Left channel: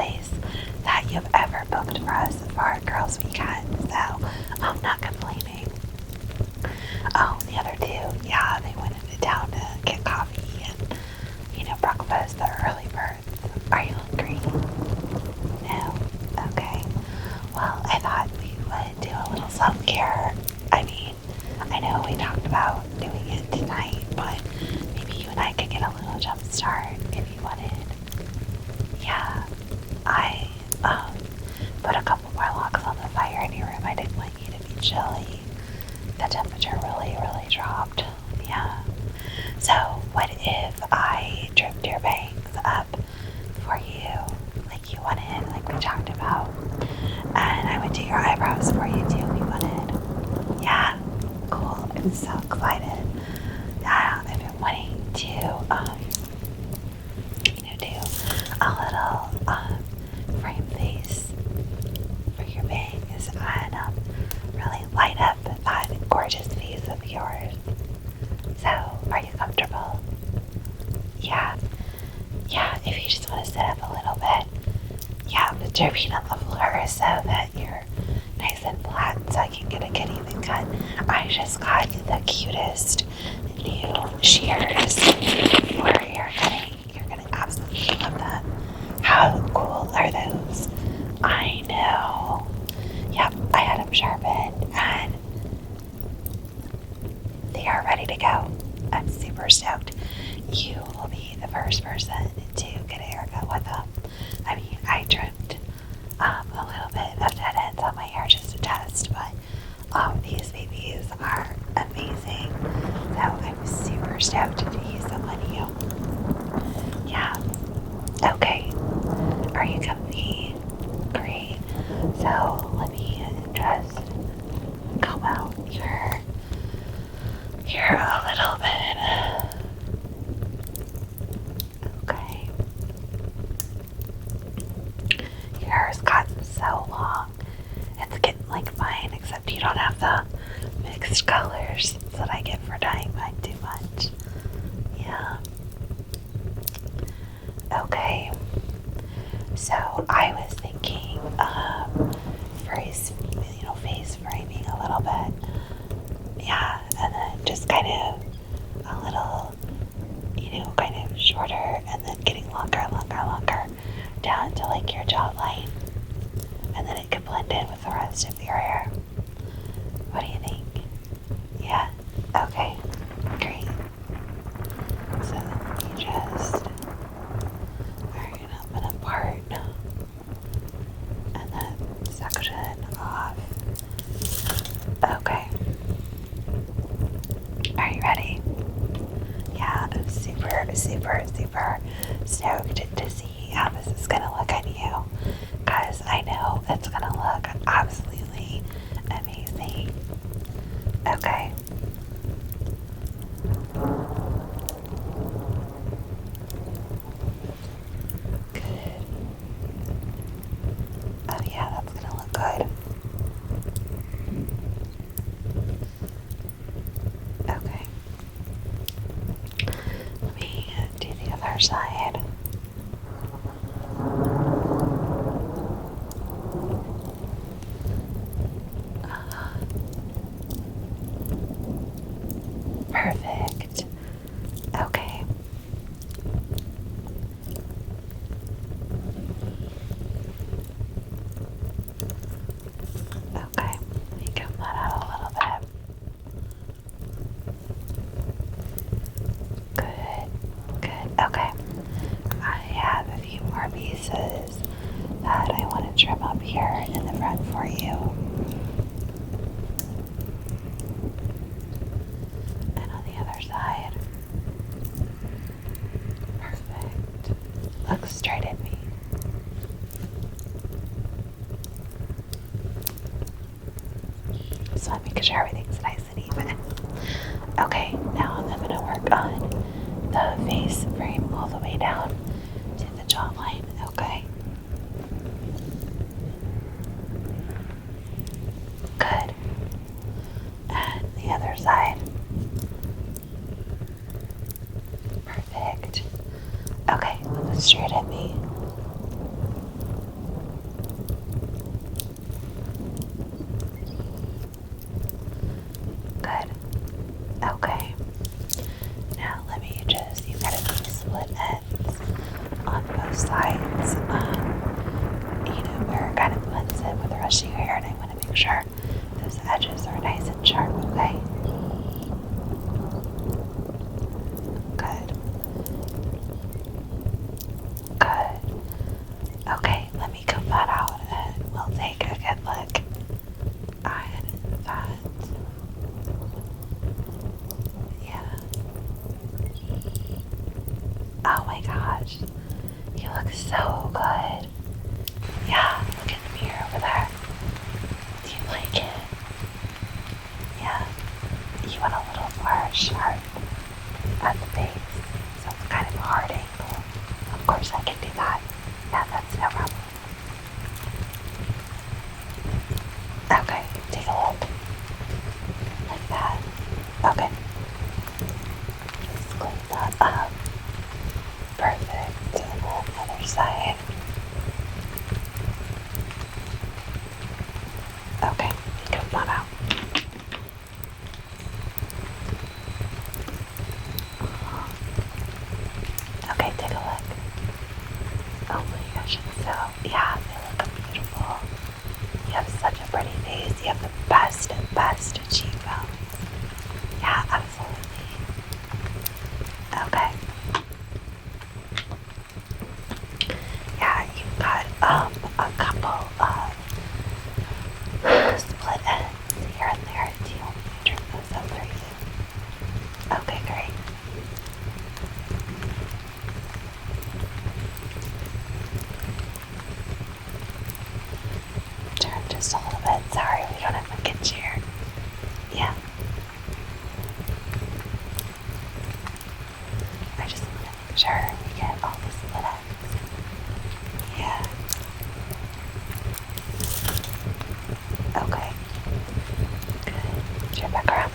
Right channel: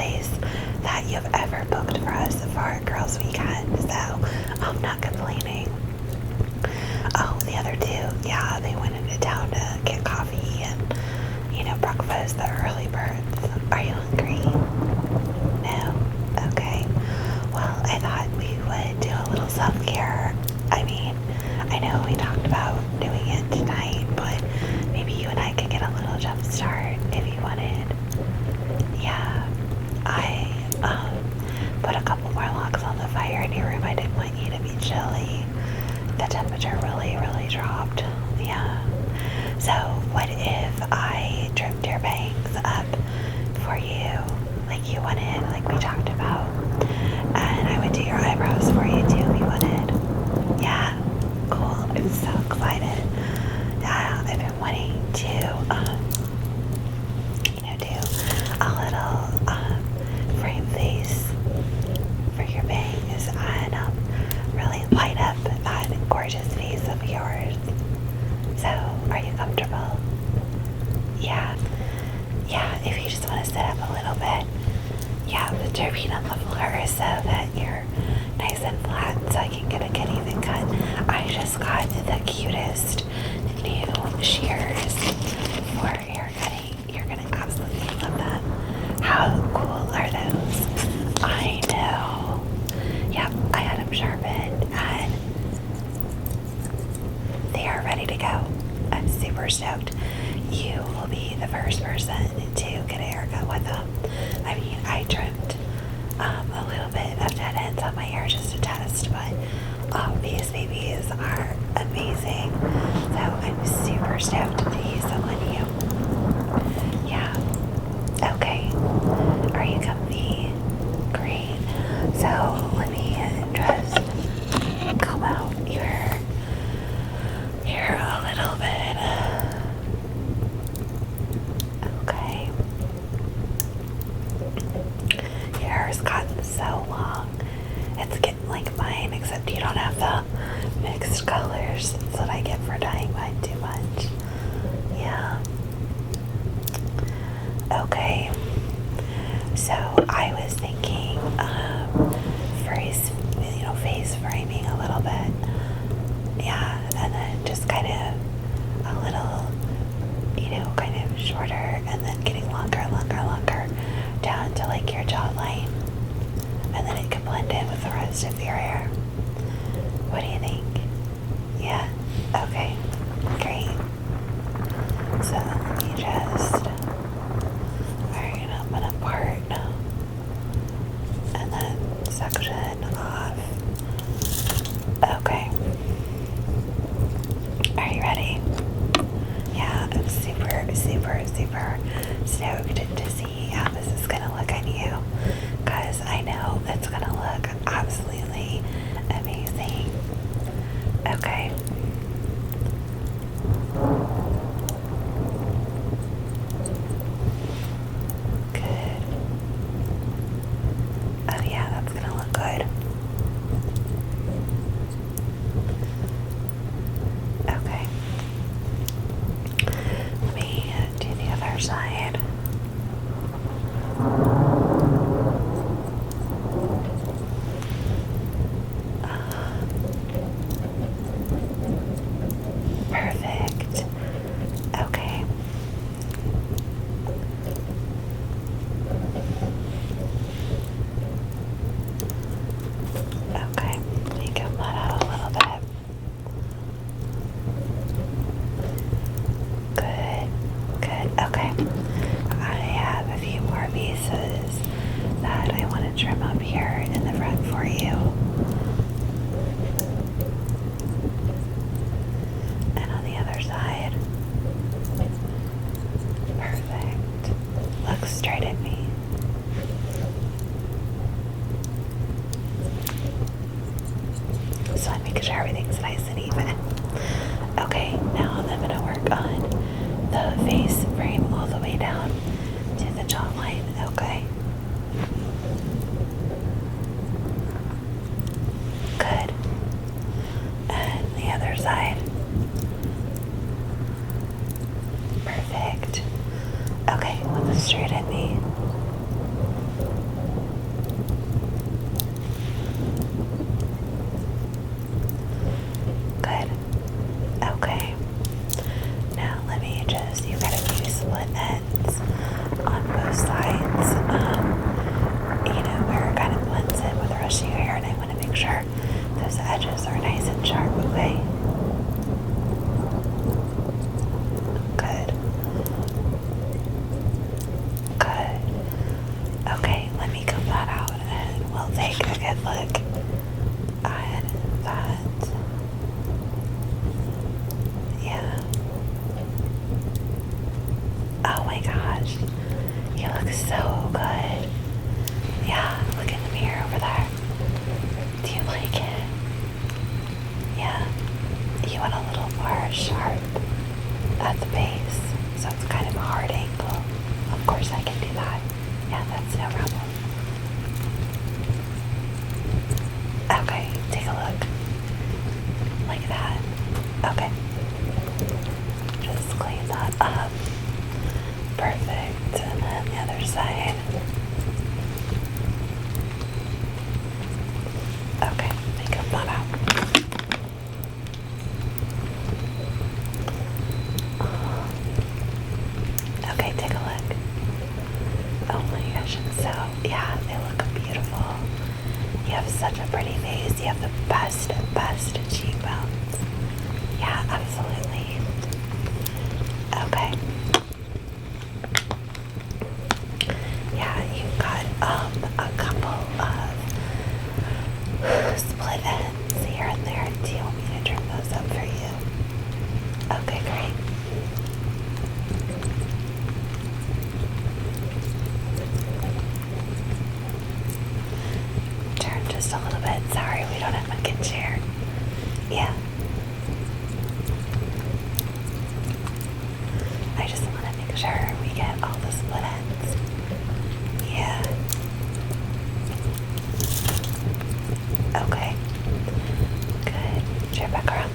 place that you've ever booked for us for our girls' weekend, so I'm not complaining. Oh, the other two, yeah, they went into town to get coffee and, breakfast, the early birds. Are you hungry? No? Okay. Well, I thought we would do a little self-care. I mean, I know we talked about doing it tonight, but maybe you and I could get a little jump start if you wanted. Yeah, I put a couple more logs on the fire in your room. I didn't want you to be chilly. The temperature really, really dropped. Yeah. So what if I trimmed your bangs up for you like you wanted, like we talked about? And I would do your eyebrows for you too if you wanted. Yeah, cool. I'm so excited. Yeah, I've been wanting to do a little frame face for your bangs and really light up that gorgeous face of yours. So, are you comfortable? Yeah. Yeah, if you just want to sit up a little bit. Yeah, put your feet on the floor so that you're nice and flat so I can get a good even cut. I just got the cutest new shears for hair cutting. You're gonna absolutely love them. How cool are those? I know. Yep, I had them sharpened and they are ready to go. I'm super stoked. You will be the first person to get a haircut with them. I mean, I trimmed a little bit of dead ends on my hair just to test, but these babies are amazing. So I'm super stoked to use them on you. Yeah. Okay. Are you comfy? Great. So let me just comb out your hair a little bit. Okay. Your hair has gotten so long. It's getting like mine, except you don't have the mixed colors. That's what I get for dyeing mine too much. Yeah. Okay. So I was thinking face framing a little bit. Yeah, and then just kind of a little, kind of shorter and then getting longer down to like your jawline. And then it could blend in with the rest of your hair. What do you think? Yeah? Okay. Great. So let me just open a part and then section off. Okay. Are you ready? Yeah, I'm super, super, super stoked to see how this is gonna look on you, because I know it's gonna look absolutely amazing. Okay. Good. Oh yeah, that's gonna look good. Okay. Let me do the other side. Perfect. Okay. Okay. Let me comb that out a little bit. Good. Okay. I have a few more pieces that I want to trim up here in the front for you. And on the other side. Perfect. Look straight at me. So I'm making sure everything's nice and even. Okay, now I'm going to work on the face frame all the way down to the jawline. Okay. Good. And the other side. Perfect. Okay, look straight at me. best cheekbones. Yeah, absolutely. Okay. Yeah, you've got a couple of split ends here and there. Do you want me to trim those up for you? Okay, great. Turn just a little bit. Sorry, we don't have a good chair. Yeah. I just want to make sure we get all the split ends. Yeah. Okay. Good. Chair back around.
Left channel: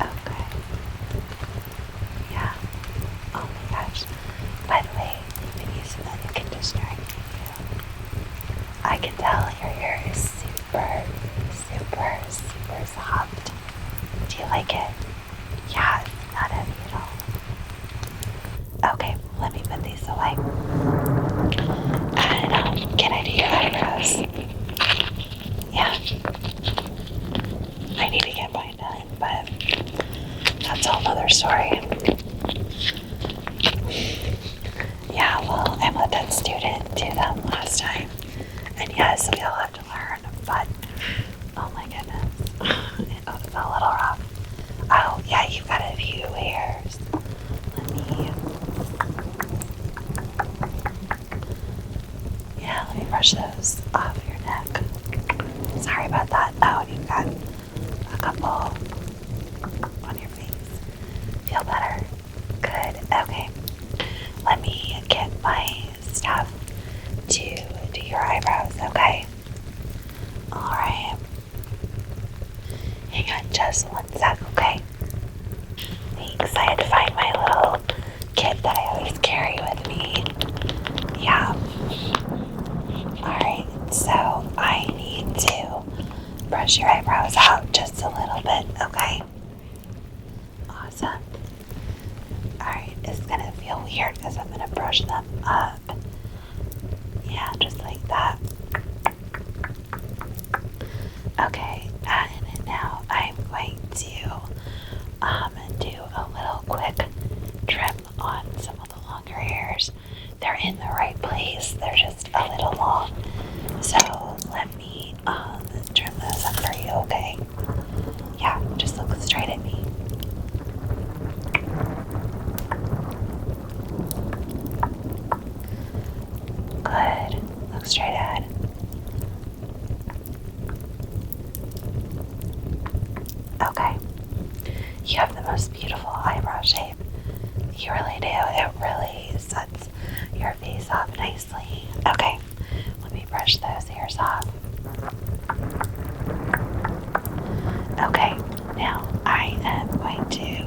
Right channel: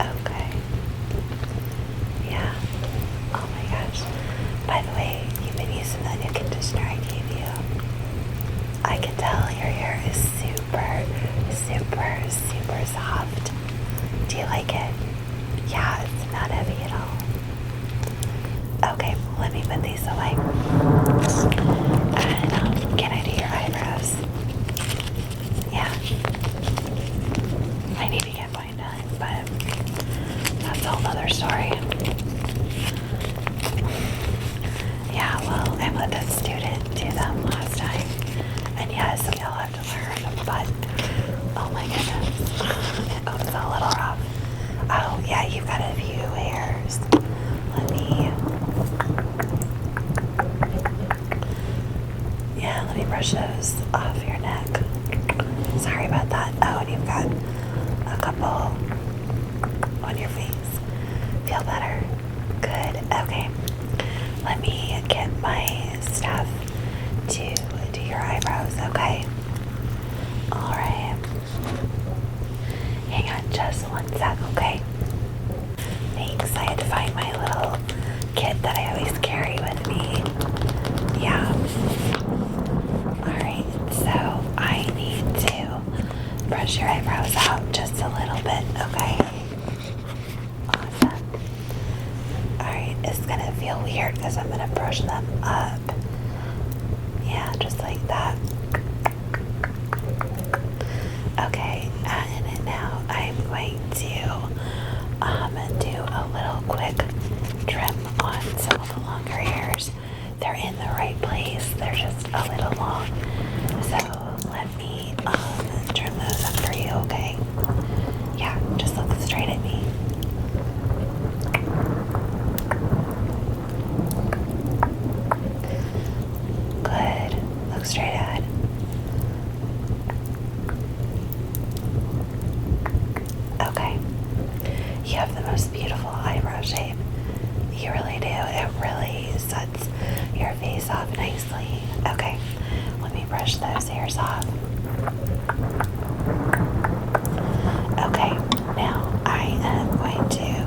Okay. Yeah. Oh my gosh. By the way, you've been using the new conditioner I gave you. I can tell your hair is super, super, super soft. Do you like it? Yeah, it's not heavy at all. Okay, let me put these away. And get out of your eyebrows. Yeah. I need to get mine done, but that's a whole other story. Yeah, well, I let that student do them last time. And yes, we all have to learn, but oh my goodness, it was a little rough. Oh, yeah, you've got a few hairs. Let me brush those off your neck. Sorry about that. Oh, and you've got a couple on your face. Feel better? Good. Okay. Let me get my stuff to do your eyebrows, okay? Alright. Hang on just one sec, okay? Thanks. I had to find my little kit that I always carry with me. Yeah. Alright, so I need to brush your eyebrows out just a little bit, okay? Awesome. Alright, it's gonna feel weird because I'm gonna brush them up. Yeah, just like that. Okay, and now I'm going to do a little quick trim on some of the longer hairs. They're in the right place, they're just a little long. So let me trim those up for you, okay? Yeah, just look straight at me. Good. Look straight ahead. Okay. You have the most beautiful eyebrow shape. You really do. It really sets your face off nicely. Okay. Let me brush those hairs off. Okay. Now I am going to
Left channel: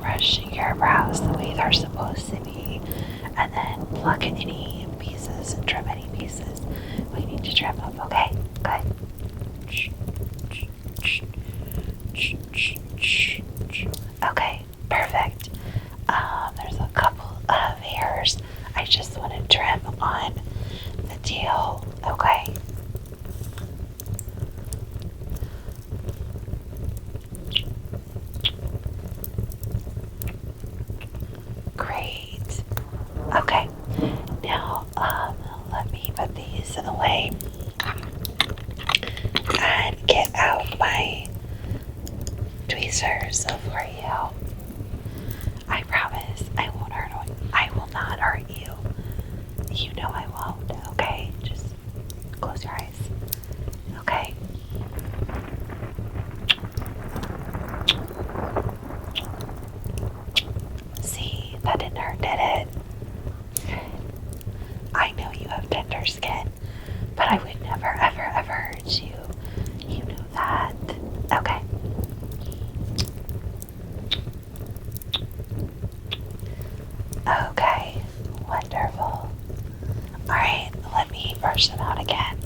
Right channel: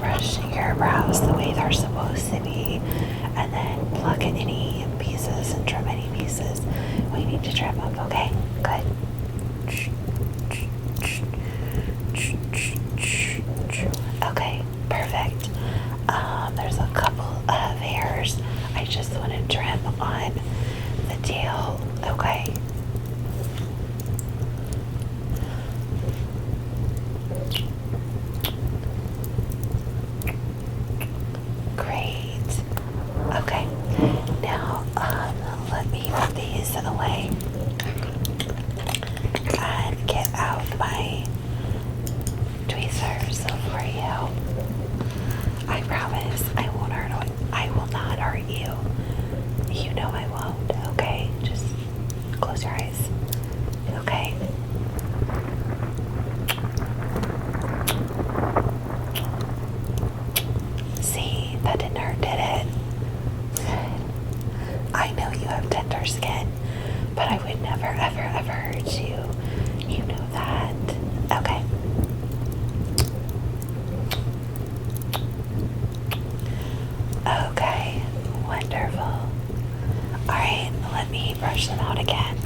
brush your brows the way they're supposed to be, and then pluck any pieces and trim any pieces we need to trim up, okay? Good. Okay, perfect. There's a couple of hairs I just want to trim on the tail, okay? Great. Okay. Now, let me put these away and get out my tweezers for you. I promise I won't hurt. I will not hurt you. You know I won't. Okay. Just close your eyes. Okay. See, that didn't hurt, did it? I know you have tender skin, but I would never, ever, ever hurt you. You know that. Okay. Okay. Wonderful. Alright, let me brush them out again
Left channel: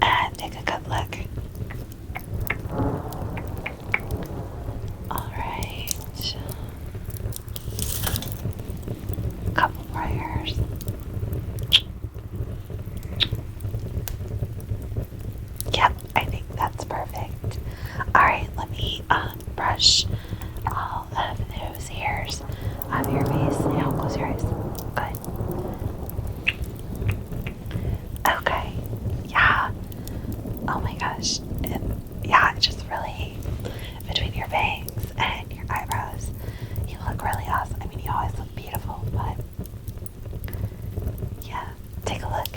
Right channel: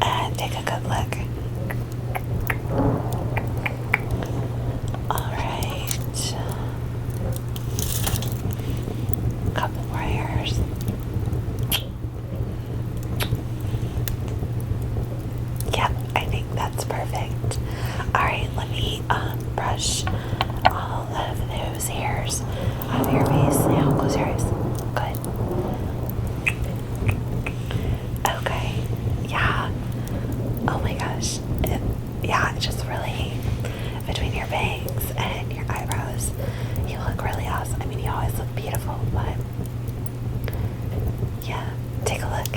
and take a good look. Alright. Couple more hairs. close your eyes. Good. Okay. Yeah. Oh my gosh. Yeah, it's just really between your bangs and your eyebrows, you look really awesome. I mean, you always look beautiful, but yeah, take a look.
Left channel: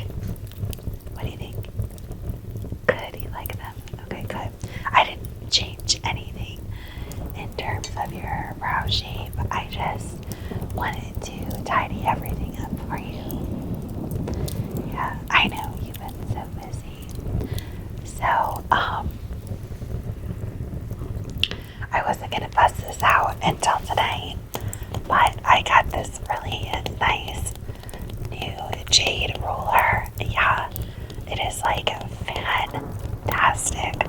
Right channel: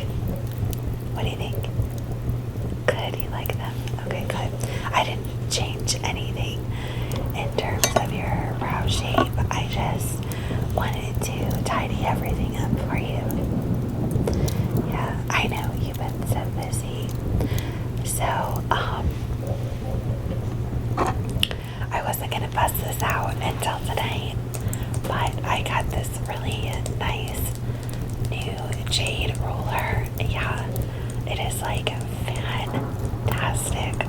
What do you think? Good, you like them? Okay, good. I didn't change anything in terms of your brow shape. I just wanted to tidy everything up for you. Yeah, I know you've been so busy. So, I wasn't gonna bust this out until tonight, but I got this really nice new jade roller. Yeah, it is like fantastic.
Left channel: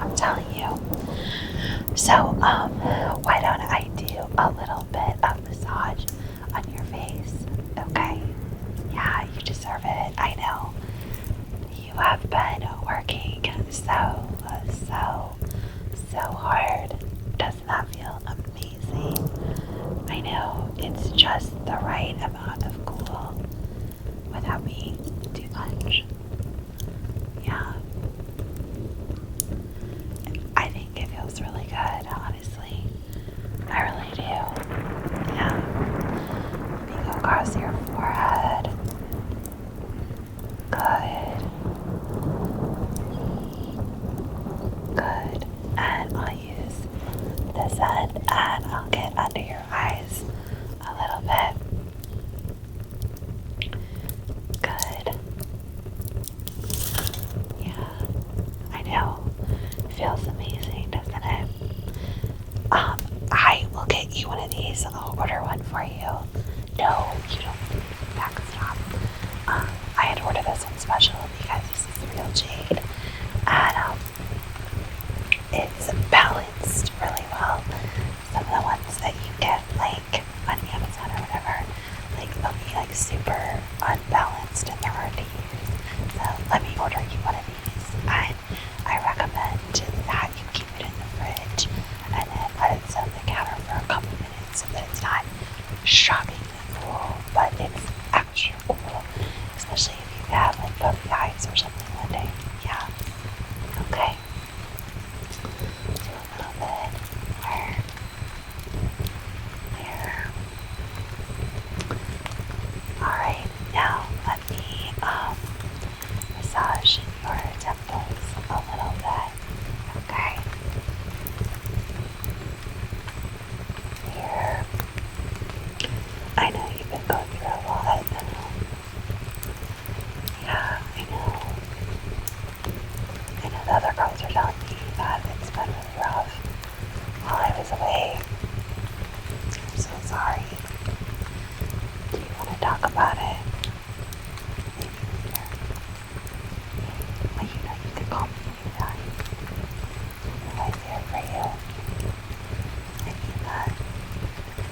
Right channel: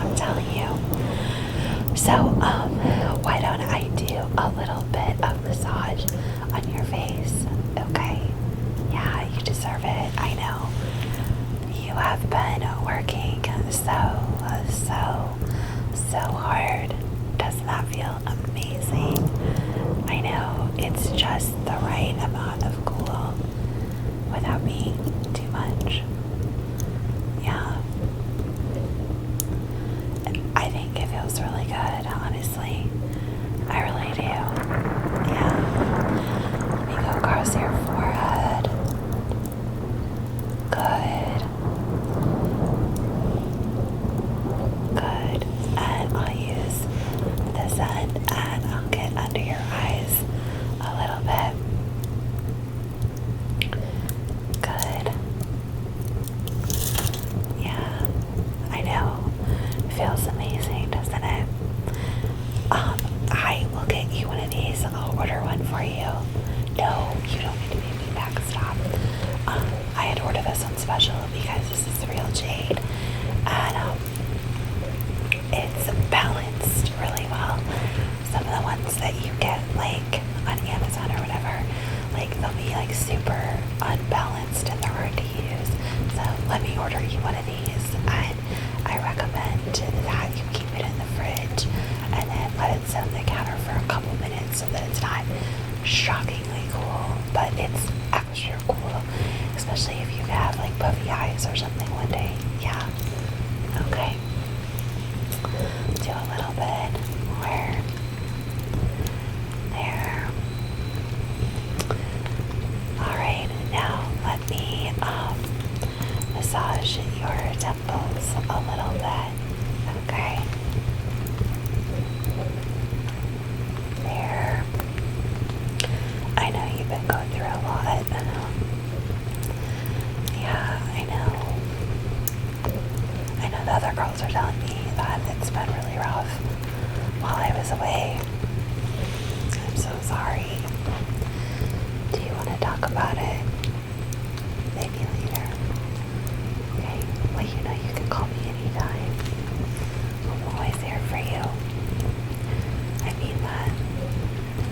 I'm telling you. So, why don't I do a little bit of massage on your face? Okay. Yeah, you deserve it. I know. You have been working so hard. Doesn't that feel amazing? I know it's just the right amount of cool without being too much. Yeah. I think it feels really good, honestly. I really do. Yeah. Let me go across your forehead. Good. Good. And I'll use this end and I'll get under your eyes a little bit. Good. Yeah. I know. It feels amazing, doesn't it? I will get you one of these. I'll order one for you. No, you don't need to pay me back. Stop. I had ordered this one special because this is real jade. And it's balanced really well. Some of the ones that you get like on Amazon or whatever, like they'll be like super unbalanced and they're hard to use. So let me order you one of these, and I recommend that you keep it in the fridge and then let it sit on the counter for a couple minutes so that it's not shockingly cool, but it's extra cool, especially if you have like puffy eyes or something one day. Yeah. Okay. Do a little bit more. There. Alright, now let me massage your temples a little bit. Okay. There. I know you've been going through a lot. Yeah, I know. I know the other girls are telling me that it's been really rough while I was away. I'm so sorry. Do you want to talk about it? Maybe later. Okay. Well, you know you can call me anytime. I'm always here for you. I mean that.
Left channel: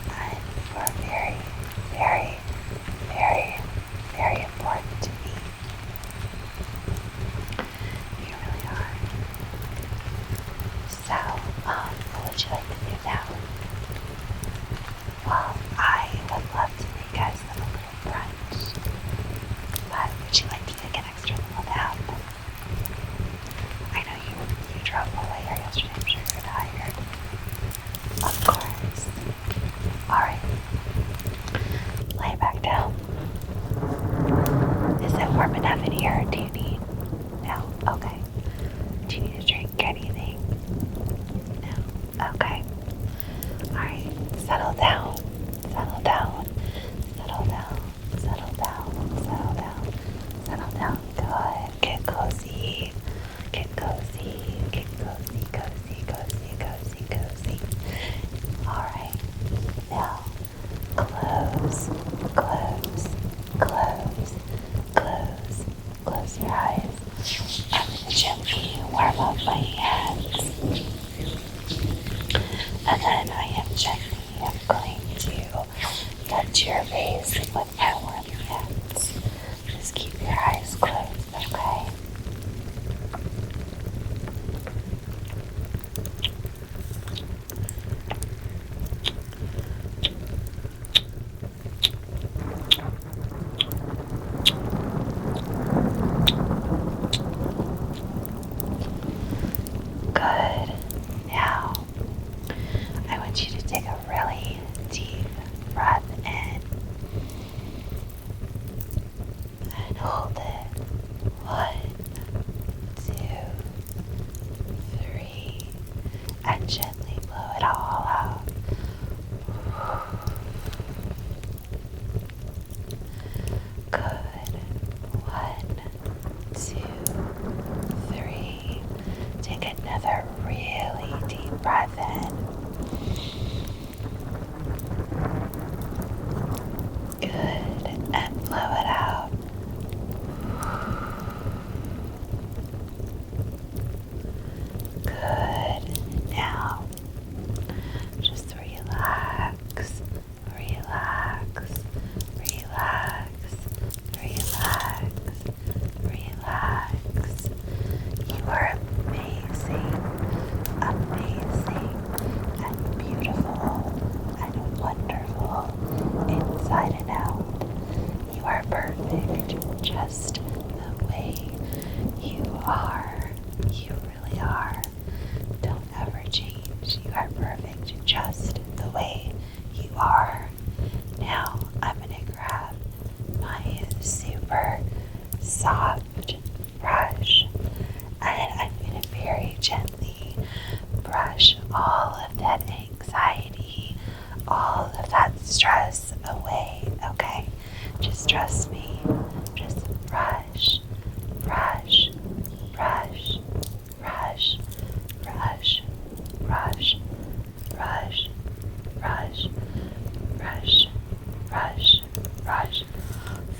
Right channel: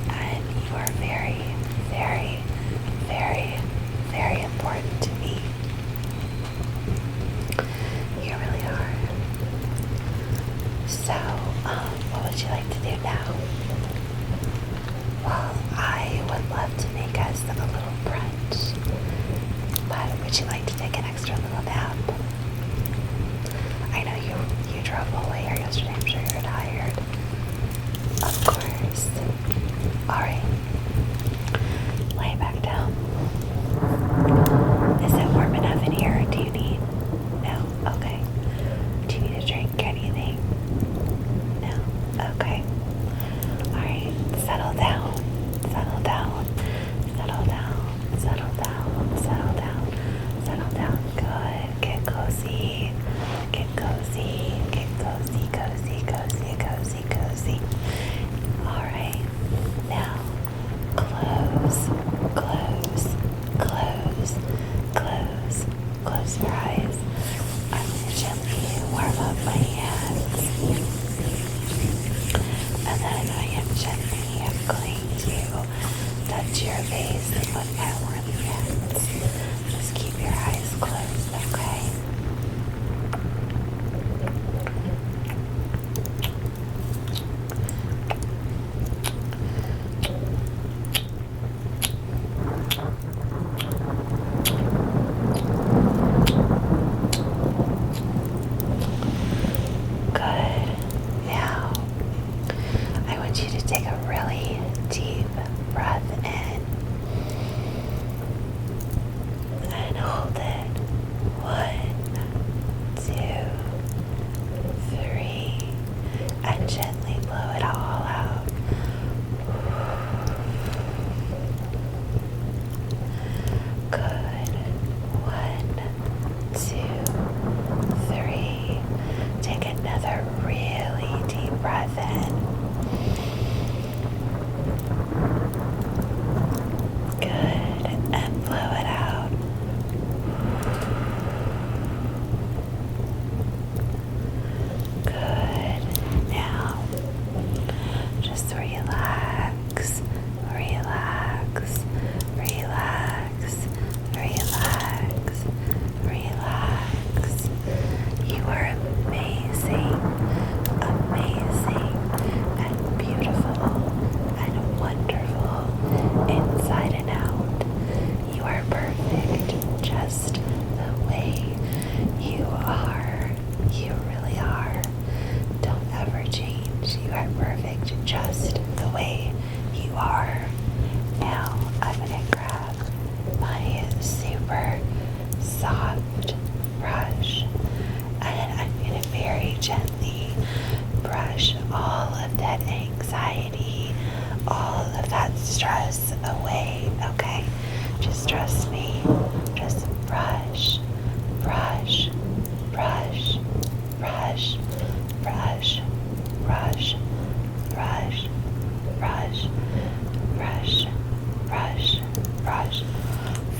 And you are very, very, very, very important to me. You really are. So, what would you like to do now? Well, I would love to make us a little brunch, but would you like to take an extra little nap? I know you drove all the way here yesterday. I'm sure you're tired. Of course. Alright. Lay back down. Is it warm enough in here? Do you need? No? Okay. Do you need a drink or anything? No? Okay. Alright. Settle down. Settle down. Settle down. Settle down. Settle down. Settle down. Good. Get cozy. Get cozy. Get cozy. Cozy. Cozy. Cozy. Cozy. Alright. Now close. Close. Close. Close. Close your eyes. I'm gonna gently warm up my hands. And then I am gently going to touch your face with my warm hands. Just keep your eyes closed, okay? trust me. Just brush, brush, brush, brush, brush, brush, brush, brush, brush, brush, brush.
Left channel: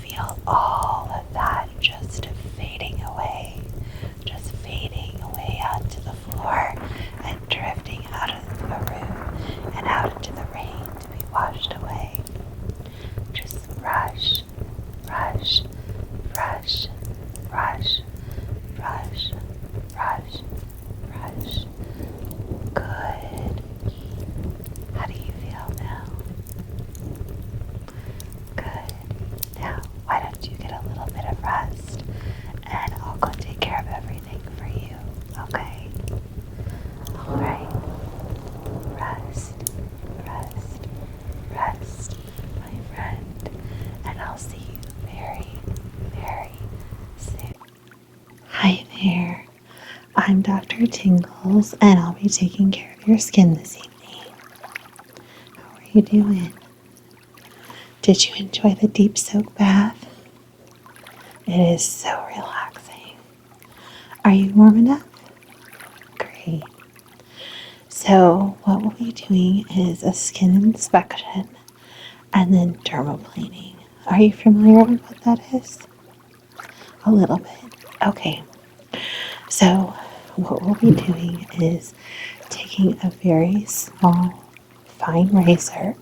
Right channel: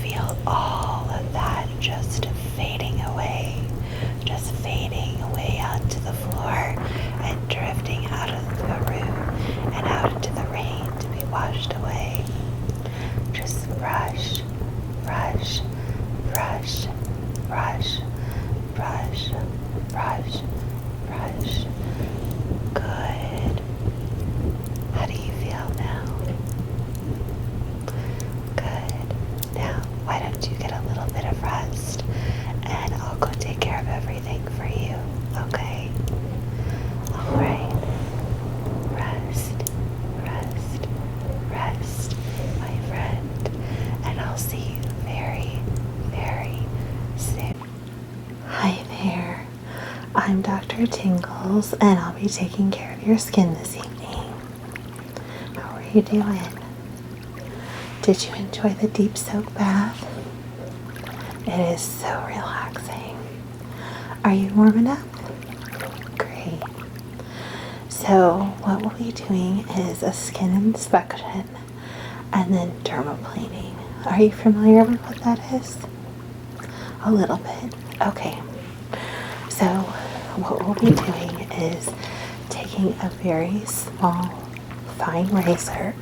Feel all of that just fading away onto the floor and drifting out of the room and out into the rain to be washed away. Just brush, brush, brush, brush, brush, brush, brush. Good. How do you feel now? Good. Now, why don't you get a little bit of rest and I'll go take care of everything for you, okay? Alright. Rest, rest, rest, my friend. And I'll see you very, very soon. Hi there. I'm Dr. Tingles, and I'll be taking care of your skin this evening. How are you doing? Did you enjoy the deep soak bath? It is so relaxing. Are you warm enough? Great. So what we'll be doing is a skin inspection and then dermaplaning. Are you familiar with what that is? A little bit. Okay. So what we'll be doing is taking a very small, fine razor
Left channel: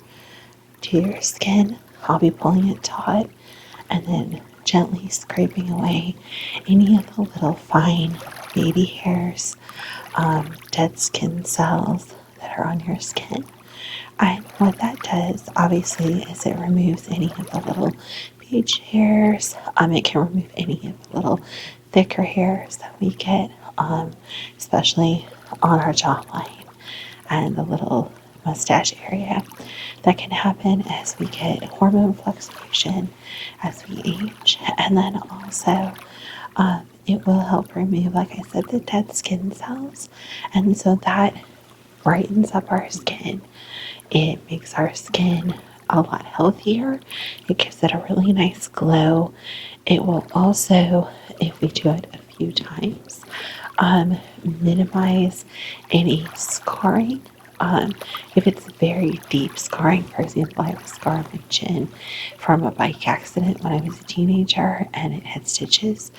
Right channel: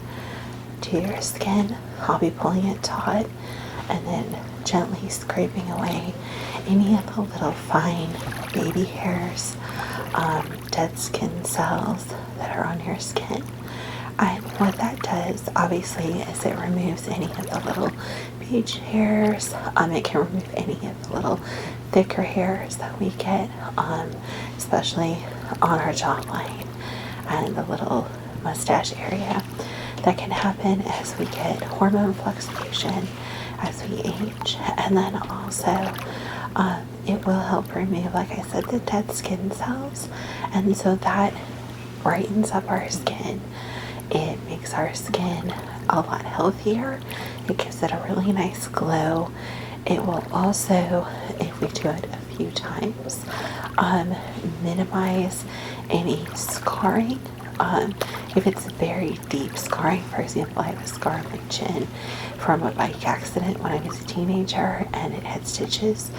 to your skin. I'll be pulling it taut and then gently scraping away any of the little fine baby hairs, dead skin cells that are on your skin. And what that does, obviously, is it removes any of the little beach hairs. It can remove any of the little thicker hairs that we get, especially on our jawline and the little mustache area. That can happen as we get hormone fluctuation, as we age, and then also it will help remove, like I said, the dead skin cells, and so that brightens up our skin. It makes our skin a lot healthier. It gives it a really nice glow. It will also, if we do it a few times, minimize any scarring. If it's very deep scarring, for example, I have a scar on my chin from a bike accident when I was a teenager and it had stitches.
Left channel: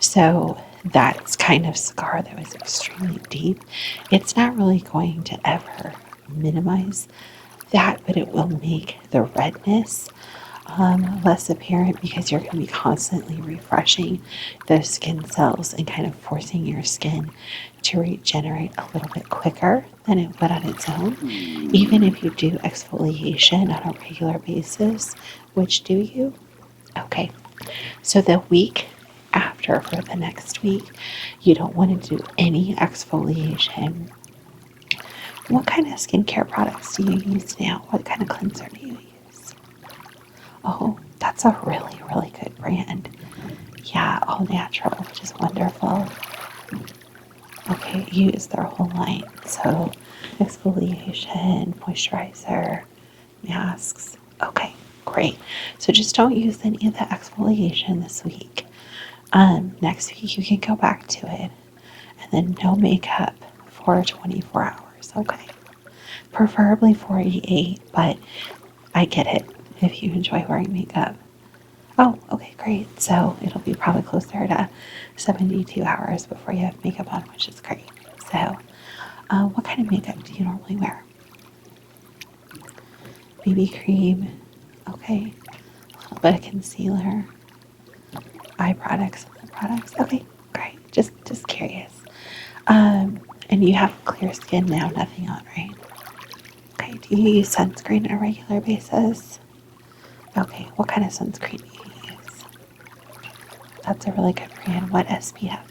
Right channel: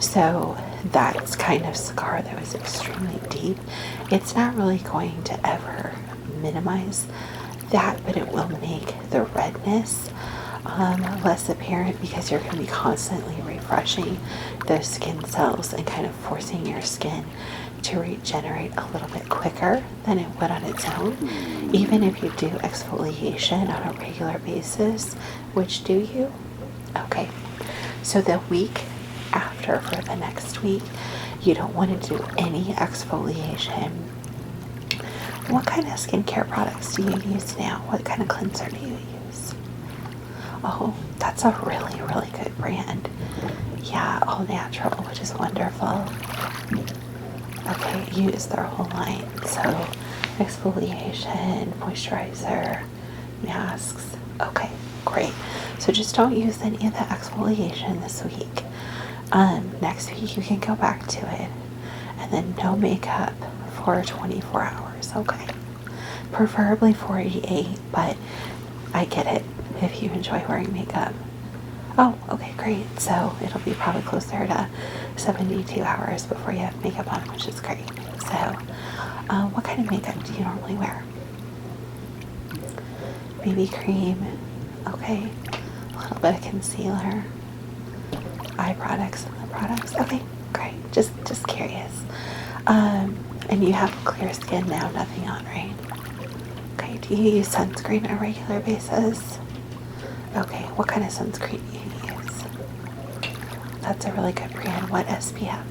So that's kind of scar that was extremely deep. It's not really going to ever minimize that, but it will make the redness less apparent because you're going to be constantly refreshing those skin cells and kind of forcing your skin to regenerate a little bit quicker than it would on its own. Even if you do exfoliation on a regular basis, which do you? Okay, so the week after, for the next week, you don't want to do any exfoliation. What kind of skincare products do you use now? What kind of cleanser do you use? Oh, that's a really, really good brand. Yeah, all natural, which is wonderful. Okay, use their whole line. So, exfoliation, moisturizer, masks. Okay, great. So just don't use any of the exfoliation this week. Next week you can go back to it. And then no makeup for 24 hours, okay? Preferably 48, but I get it if you enjoy wearing makeup. Oh, okay, great. So it'll be probably closer to 72 hours before you have makeup on, which is great. So, what kind of makeup do you normally wear? BB cream, okay. A little bit of concealer, eye products, and lip products. Okay, great. Just curious. And you have clear skin now, nothing on, right? Okay, do you use sunscreen on a regular basis? Okay, what kind of sunscreen do you use? That's a really good brand. What SPF?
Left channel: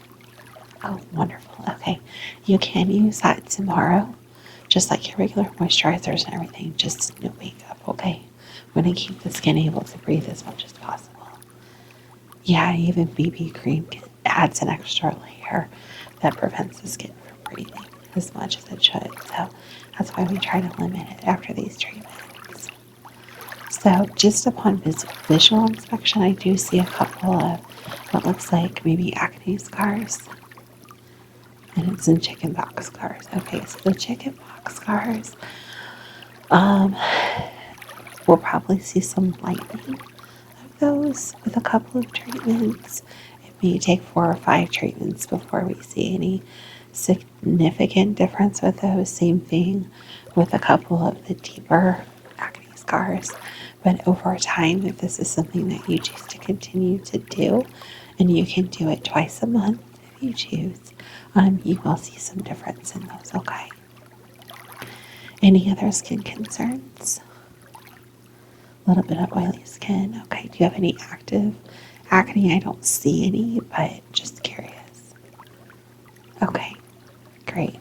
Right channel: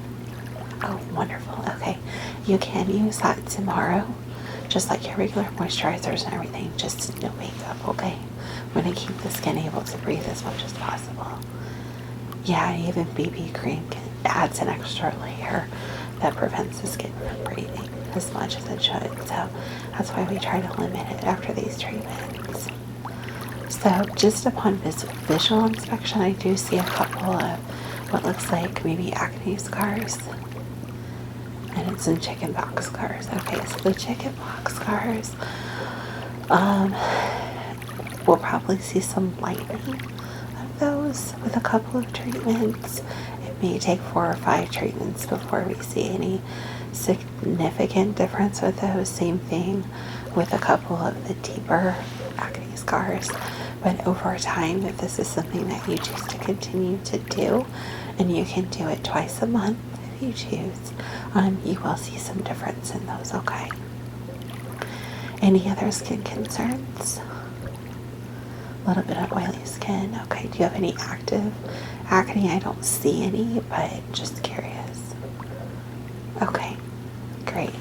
Oh, wonderful. Okay, you can use that tomorrow, just like your regular moisturizers and everything, just no makeup, okay? We're going to keep the skin able to breathe as much as possible. Yeah, even BB cream adds an extra layer that prevents the skin from breathing as much as it should. So that's why we try to limit it after these treatments. So just upon visual inspection, I do see a couple of what looks like maybe acne scars. And it's in chicken pox scars. Okay, so the chicken pox scars, we'll probably see some lightening of those with a couple of treatments. It may take 4 or 5 treatments before we see any significant difference with those. Same thing with a couple of the deeper acne scars. But over time, if this is something that you choose to continue to do, and you can do it twice a month if you choose, you will see some difference in those, okay? Any other skin concerns? A little bit of oily skin. Okay, do you have any active acne? I don't see any, but just curious. Okay, great.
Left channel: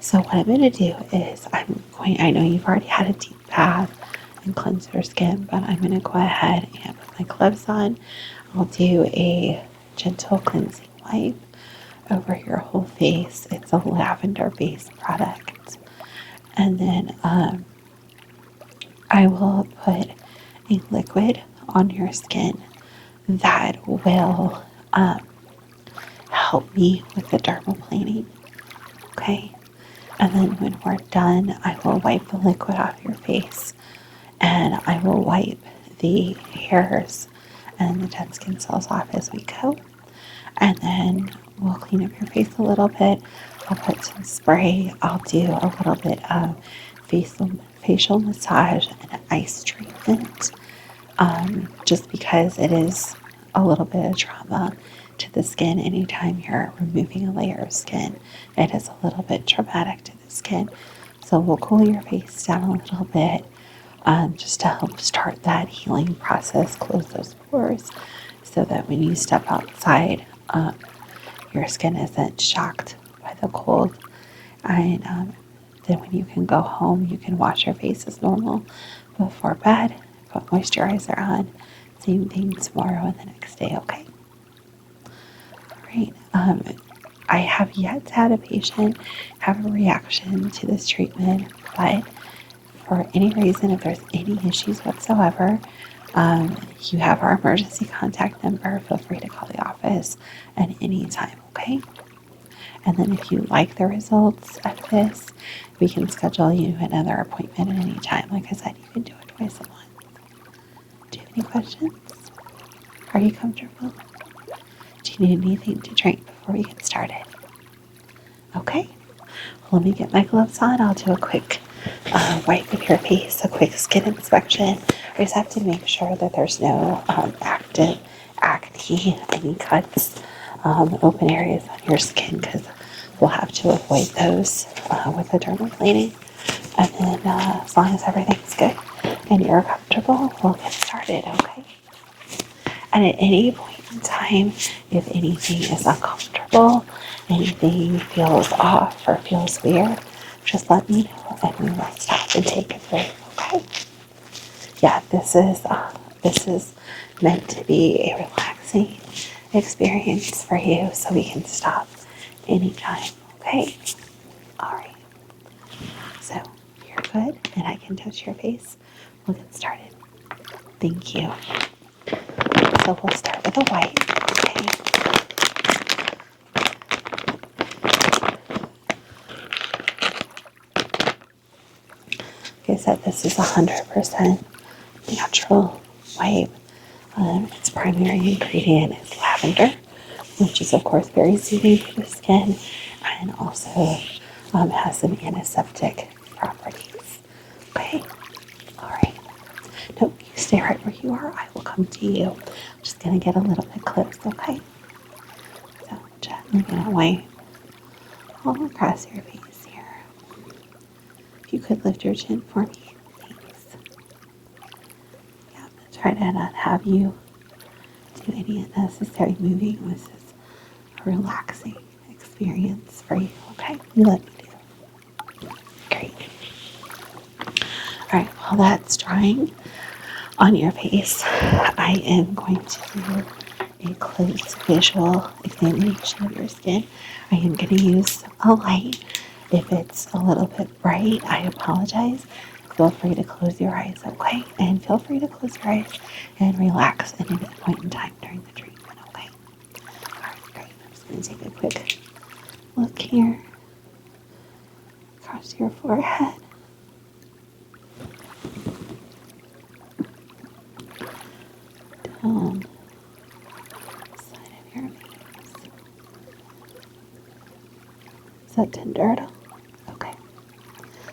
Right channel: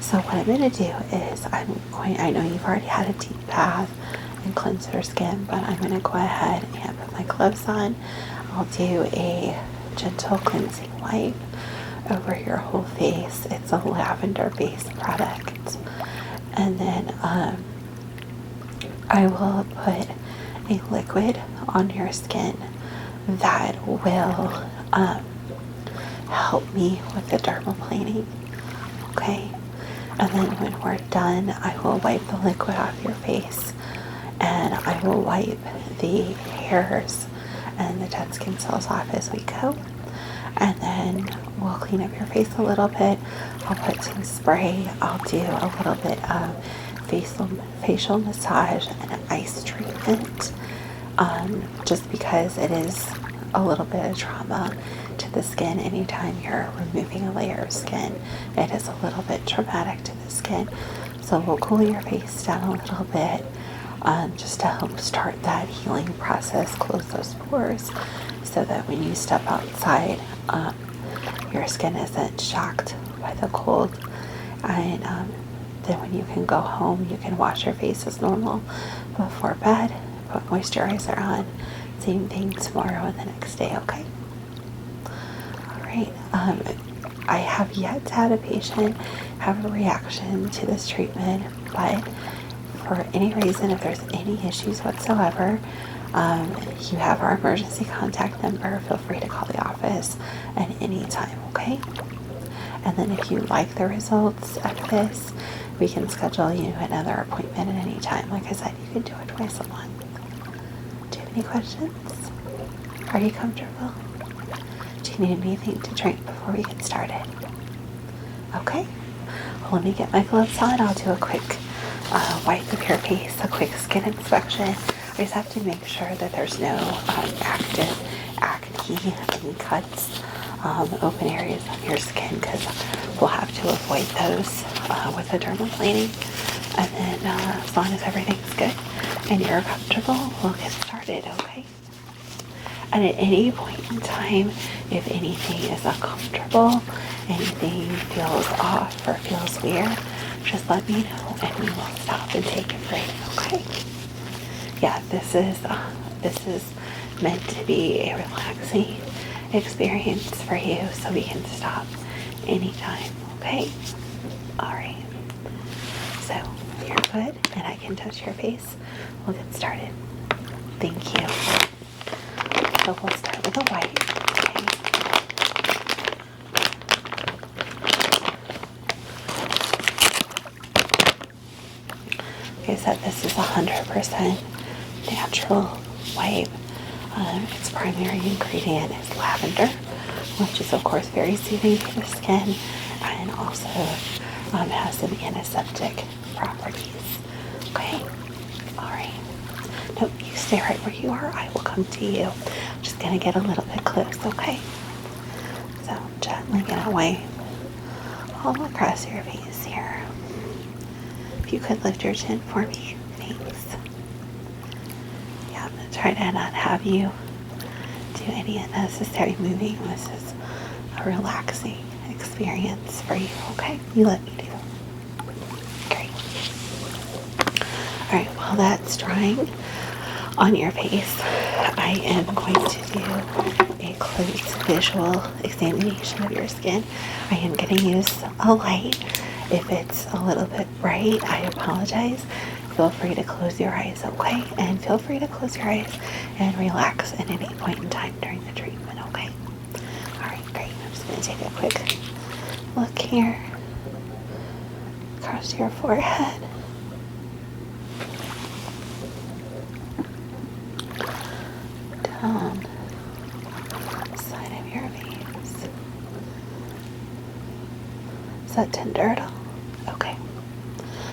So what I'm going to do is I know you've already had a deep bath and cleanse your skin, but I'm going to go ahead and put my gloves on. I'll do a gentle cleansing wipe over your whole face. It's a lavender-based product. And then I will put a liquid on your skin that will help me with the dermaplaning. Okay? And then when we're done, I will wipe the liquid off your face, and I will wipe the hairs and the dead skin cells off as we go. And then we'll clean up your face a little bit. I'll put some spray. I'll do a little bit of facial massage and an ice treatment, just because it is a little bit of trauma to the skin. Anytime you're removing a layer of skin, it is a little bit traumatic to the skin. So we'll cool your face down a little bit, just to help start that healing process, close those pores, so that when you step outside, your skin isn't shocked by the cold. And then when you can go home, you can wash your face as normal before bed, put moisturizer on. Same thing tomorrow and the next day, okay? Alright, I have yet to have a patient have a reaction to this treatment, but for any reason, if there's any issues whatsoever, you have our emergency contact number. Feel free to call the office at any time, okay? And then if you like the results of this, we can schedule you another appointment at any time. Like I said, you can do it twice a month. Do you have any questions? Are you comfortable? Do you need anything to drink before we get started? Okay. Well, let me get my gloves on. I'll do a quick wipe of your face, a quick skin inspection. I just have to make sure that there's no active acne, any cuts, open areas on your skin, because we'll have to avoid those with the dermaplaning. And then as long as everything's good and you're comfortable, we'll get started, okay? And at any point in time, if anything is uncomfortable, anything feels off or feels weird, just let me know and we will stop and take a break, okay? Yeah, this is meant to be a relaxing experience for you, so we can stop anytime, okay? Alright, so you're good and I can touch your face. We'll get started. Thank you. So we'll start with a wipe, okay? Like I said, this is 100% natural wipe. Its primary ingredient is lavender, which is of course very soothing for the skin, and also has some antiseptic properties. Okay, all right. No, you stay right where you are. I will come to you. I'm just gonna get a little bit close, okay? So I'm gently gonna wipe all across your face here. If you could lift your chin for me, thanks. Yeah, I'm gonna try to not have you do any unnecessary moving. This is a relaxing experience for you, okay? You let me do. Great. Alright, while that's drying on your face, I am going to do a close visual examination of your skin. I am going to use a light. If it's a little bit bright, I apologize. feel free to close your eyes, okay? And feel free to close your eyes and relax at any point in time during the treatment, okay? Alright, great. I'm just going to take a quick look here across your forehead. Down the side of your face. Is that tender at all? Okay.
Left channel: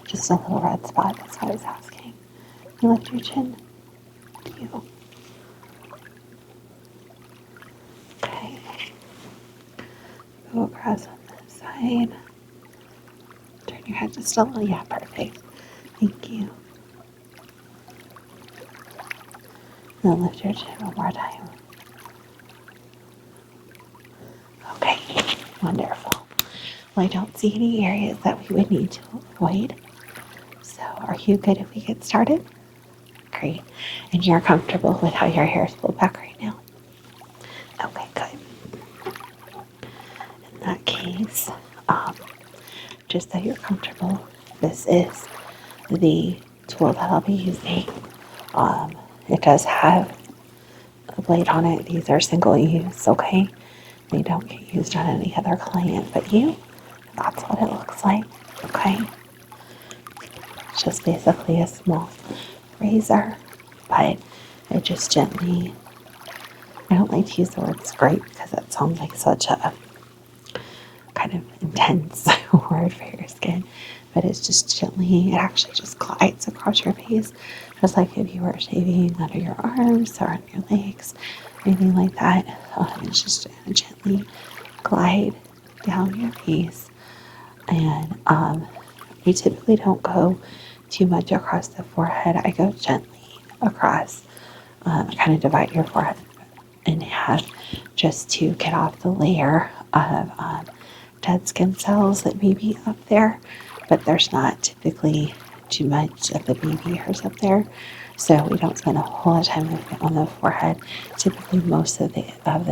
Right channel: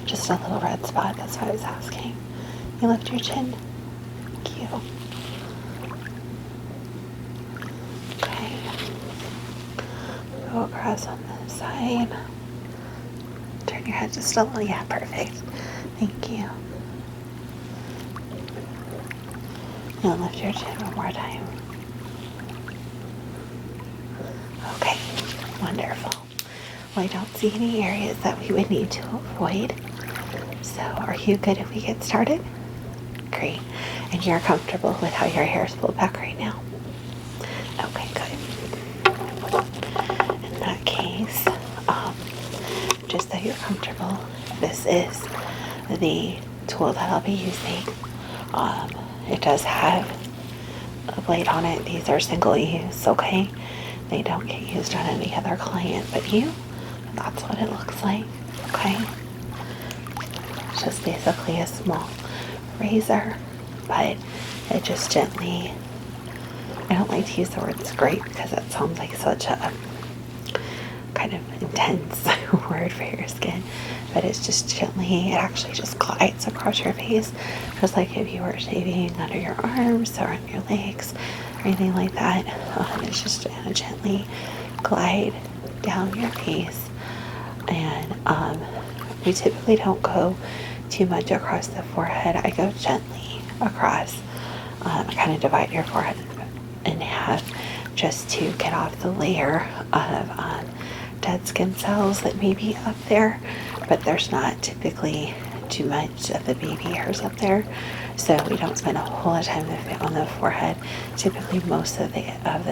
Just a little red spot, that's what I was asking. You lift your chin. Thank you. Okay. Go across on this side. Turn your head just a little. Yeah, perfect. Thank you. Now lift your chin one more time. Okay, wonderful. Well, I don't see any areas that we would need to avoid. So, are you good if we get started? Great. And you're comfortable with how your hair is pulled back right now? Okay, good. In that case, just so you're comfortable, this is the tool that I'll be using. It does have a blade on it. These are single use, okay? They don't get used on any other client but you. That's what it looks like, okay? It's just basically a small razor, but it just gently, I don't like to use the word scrape because it sounds like such a kind of intense word for your skin, but it's just gently, it actually just glides across your face, just like if you were shaving under your arms or on your legs, anything like that. It's just gonna gently glide down your face, and we typically don't go too much across the forehead. I go gently across. I kind of divide your forehead in half just to get off the layer of dead skin cells that may be up there, but there's not typically too much of the baby hairs up there, so we don't spend a whole lot of time on the forehead. Typically most of the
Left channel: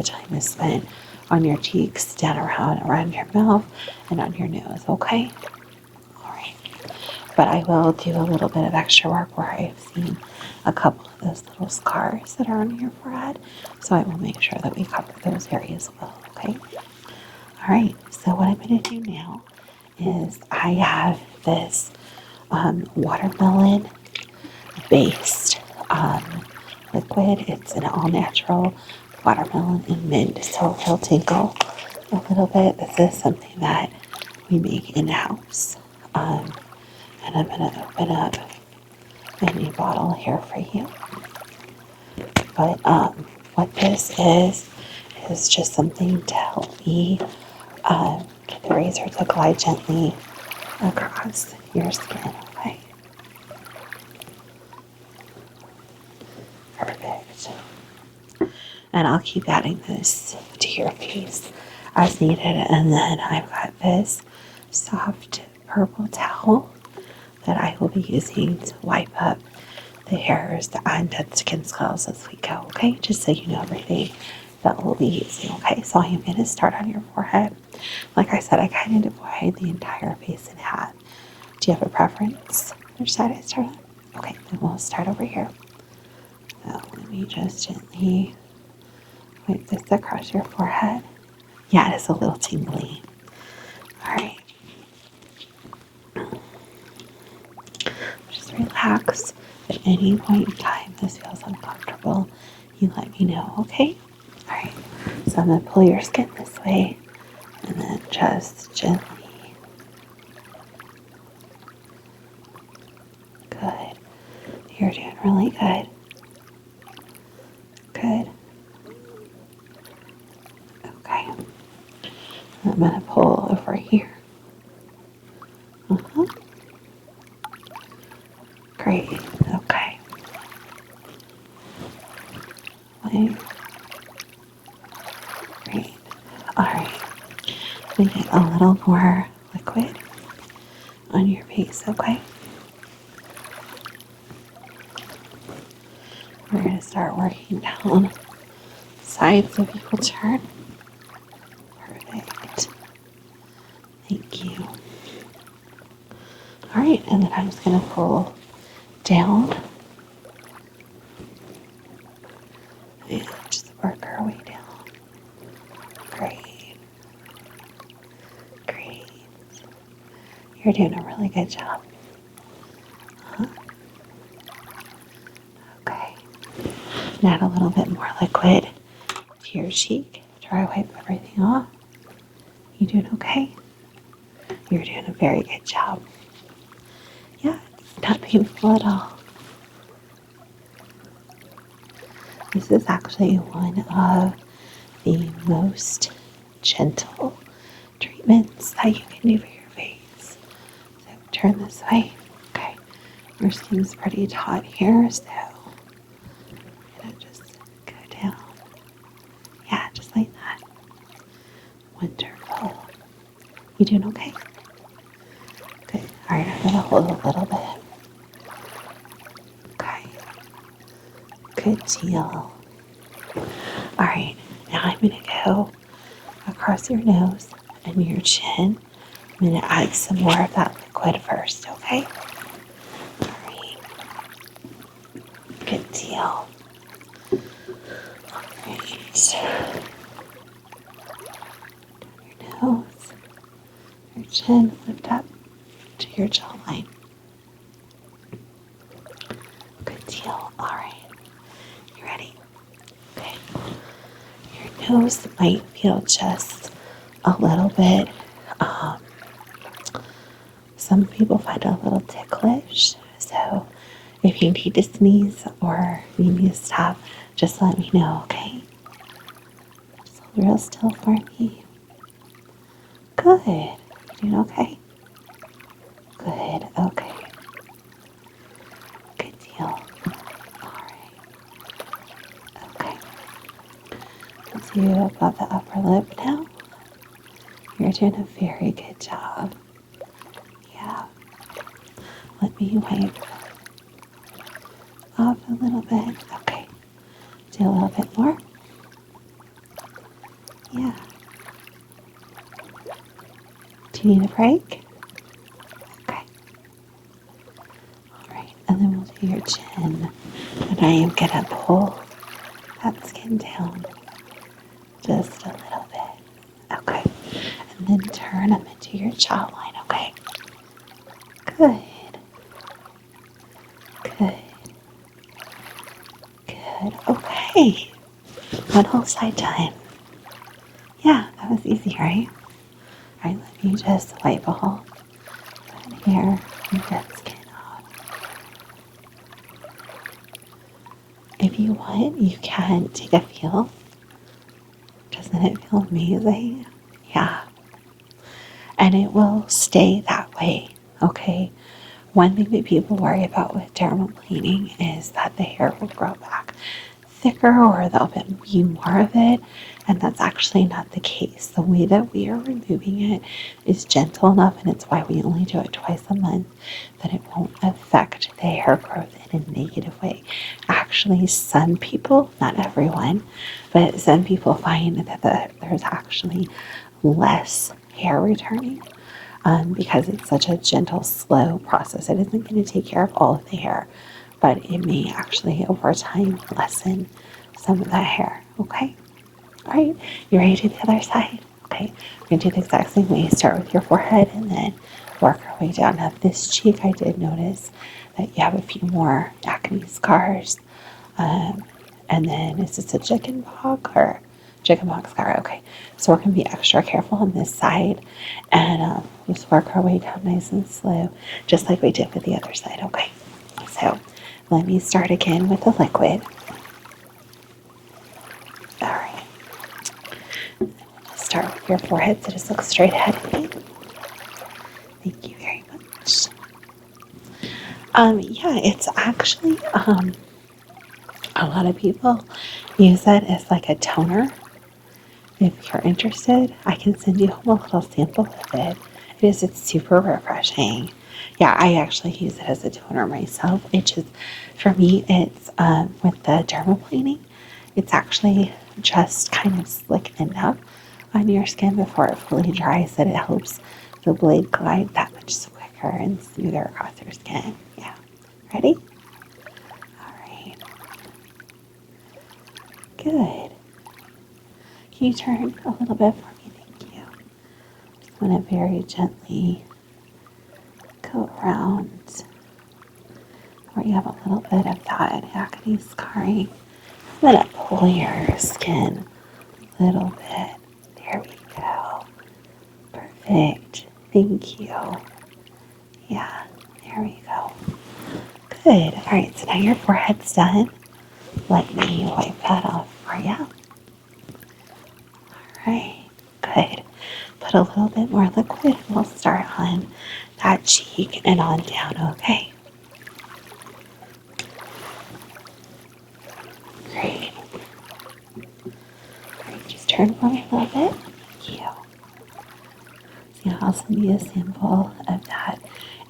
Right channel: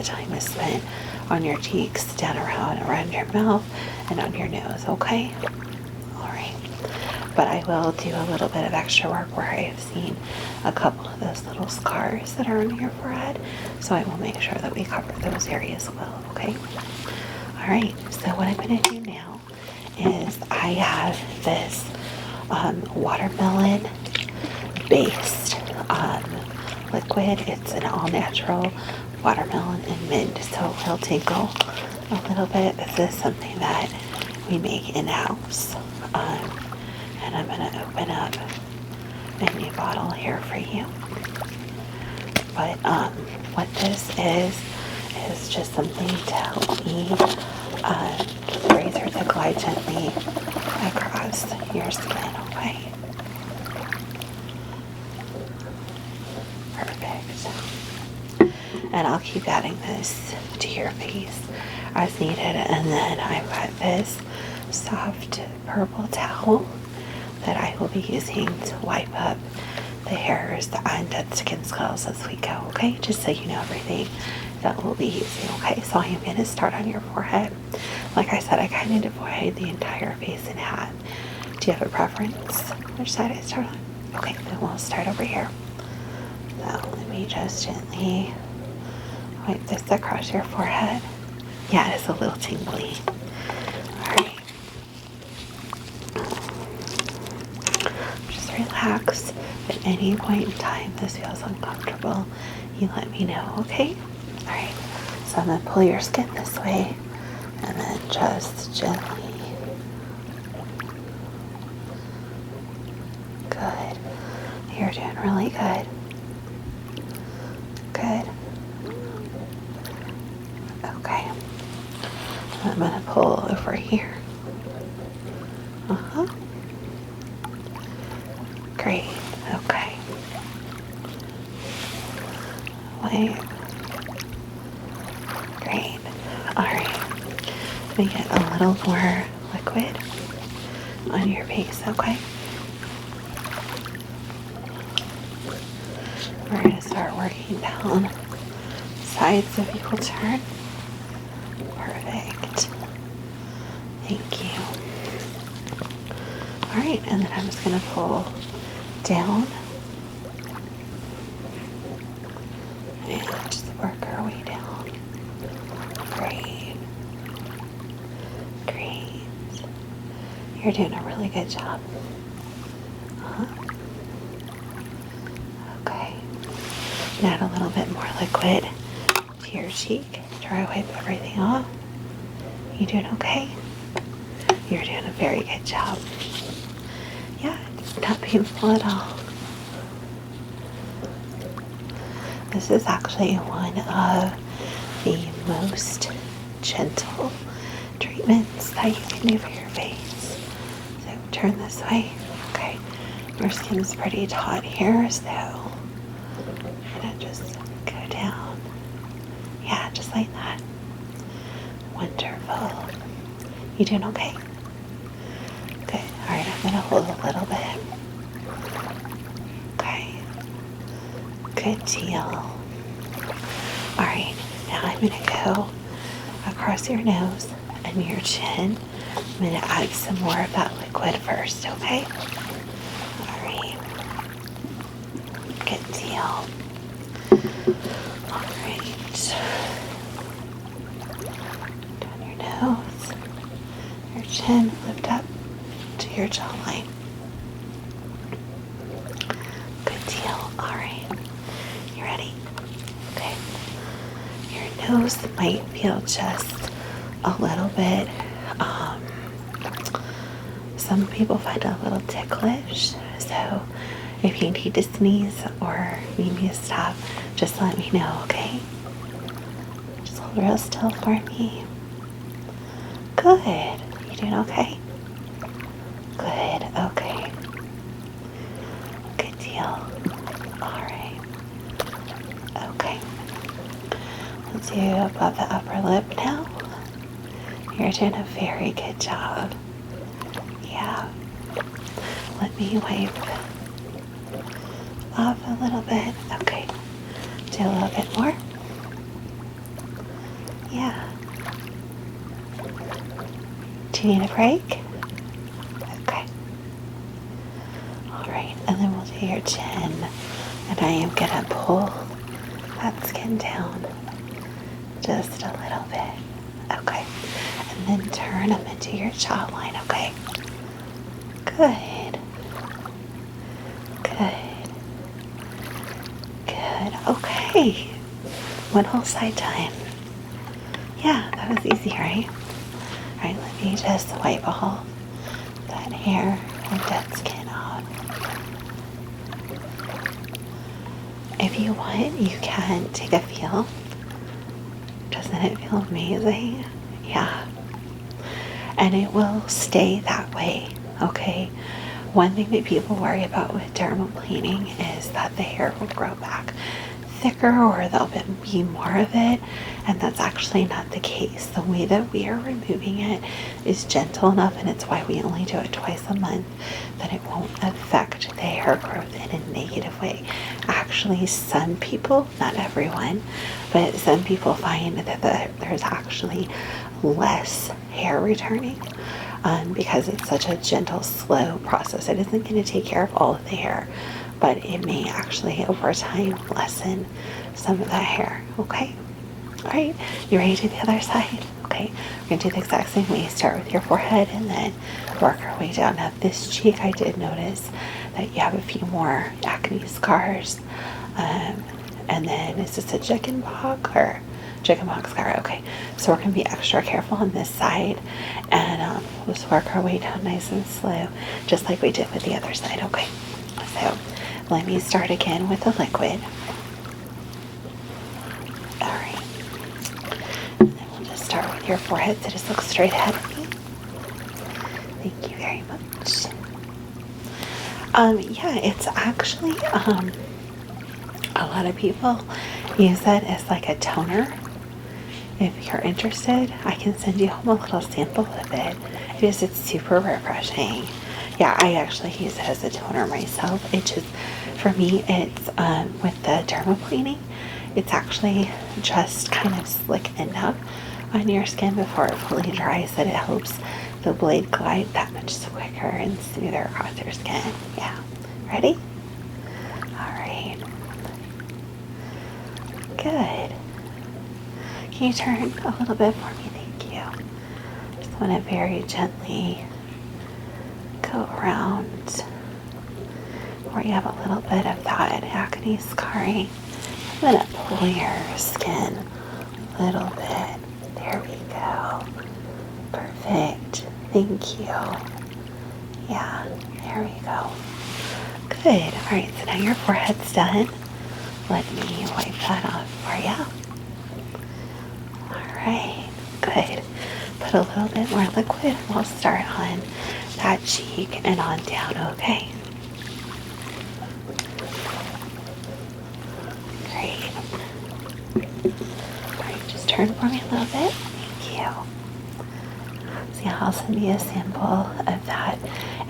time is spent on your cheeks, down around your mouth, and on your nose, okay? Alright. But I will do a little bit of extra work where I have seen a couple of those little scars that are on your forehead, so I will make sure that we cover those areas well, okay? Alright, so what I'm going to do now is I have this watermelon based liquid. It's an all natural watermelon and mint, so it'll tinkle a little bit. This is something that we make in-house. And I'm going to open up a new bottle here for you. But what this is just something to help me razor to glide gently across your skin, okay? Perfect. And I'll keep adding this to your face as needed. And then I've got this soft purple towel that I will be using to wipe up the hairs and dead skin cells as we go, okay? Just so you know everything that we'll be using, okay? So I am going to start on your forehead. Like I said, I kind of divide the entire face in half. Do you have a preference which side I start on? Okay, then we'll start over here. So let me just gently wipe this across your forehead. Yeah, it is a little tingly. Alright. Just relax. At any point in time this feels uncomfortable, you let me know, okay? Alright, so I'm going to pull your skin this way and then just gently. Good. You're doing really good. Good. Okay. I'm going to pull over here. Great. Okay. Wait. Great. Alright. We get a little more liquid on your face, okay? We're going to start working down sides of your turn. Perfect. Thank you. Alright, and then I'm just going to pull Down. And just work our way down. Great. Great. You're doing a really good job. Okay. Add a little bit more liquid to your cheek. Dry wipe everything off. You doing okay? You're doing a very good job. Yeah, not painful at all. This is actually one of the most gentle treatments that you can do for your face. So turn this way. Okay, your skin's pretty taut here, so I'm gonna just go down. Yeah, just like that. Wonderful. You doing okay? Good. All right, I'm gonna hold a little bit. Okay. Good deal. All right, now I'm gonna go across your nose and your chin. I'm gonna add some more of that liquid first, okay? All right. Good deal. All right. Down your nose, your chin, lift up to your jawline. Good deal. All right. You ready? Okay. Your nose might feel just a little bit, some people find it a little ticklish. So if you need to sneeze or need me to stop, just let me know, okay? Just hold real still for me. Good. You doing okay? Good. Okay. Good deal. All right. Okay. Let's do above the upper lip now. You're doing a very good job. Yeah. Let me wipe off a little bit. Okay. Do a little bit more. Yeah. Do you need a break? Okay. All right. And then we'll do your chin. And I am going to pull that skin down just a little bit. Okay. And then turn them into your jawline, okay? Good. Good. Good. Okay. One whole side time. Yeah, that was easy, right? Alright, let me just wipe all that hair and dead skin off. If you want, you can take a feel. Doesn't it feel amazing? Yeah. And it will stay that way, okay? One thing that people worry about with dermaplaning is that the hair will grow back thicker or there'll be more of it, and that's actually not the case. The way that we are removing it is gentle enough, and it's why we only do it twice a month, that it won't affect the hair growth in a negative way. Actually, some people, not everyone, but some people find that there's actually less hair returning because it's such a gentle, slow process. It isn't going to take care of all of the hair, but it may actually over time lessen some of that hair. Okay? All right, you ready to do the other side? Okay, we're going to do the exact same way. Start with your forehead and then work our way down. Now this cheek, I did notice that you have a few more acne scars. And then is this a chickenpox or chickenpox scar? Okay, so we're going to be extra careful on this side, and we'll just work our way down nice and slow, just like we did with the other side. Okay, so let me start again with the liquid. All right, and then we'll just start with your forehead, so just look straight ahead of me. Thank you very much. Yeah, it's actually a lot of people use it as like a toner. If you're interested, I can send you home a little sample of it. It's super refreshing. Yeah, I actually use it as a toner myself. It just, for me, it's with the dermaplaning, it's actually just kind of slick enough on your skin before it fully dries that it helps the blade glide that much quicker and smoother across your skin. Yeah. Ready? Good. Can you turn a little bit for me? Thank you. Just want to very gently go around where you have a little bit of that acne scarring. Let it pull your skin a little bit. There we go. Perfect. Thank you. Yeah, there we go. Good. All right, so now your forehead's done. Let me wipe that off for you. All right, good. Put a little bit more liquid and we'll start on that cheek and on down, okay? Great. All right, just turn for me a little bit. Thank you. See, I'll send you a sample of that.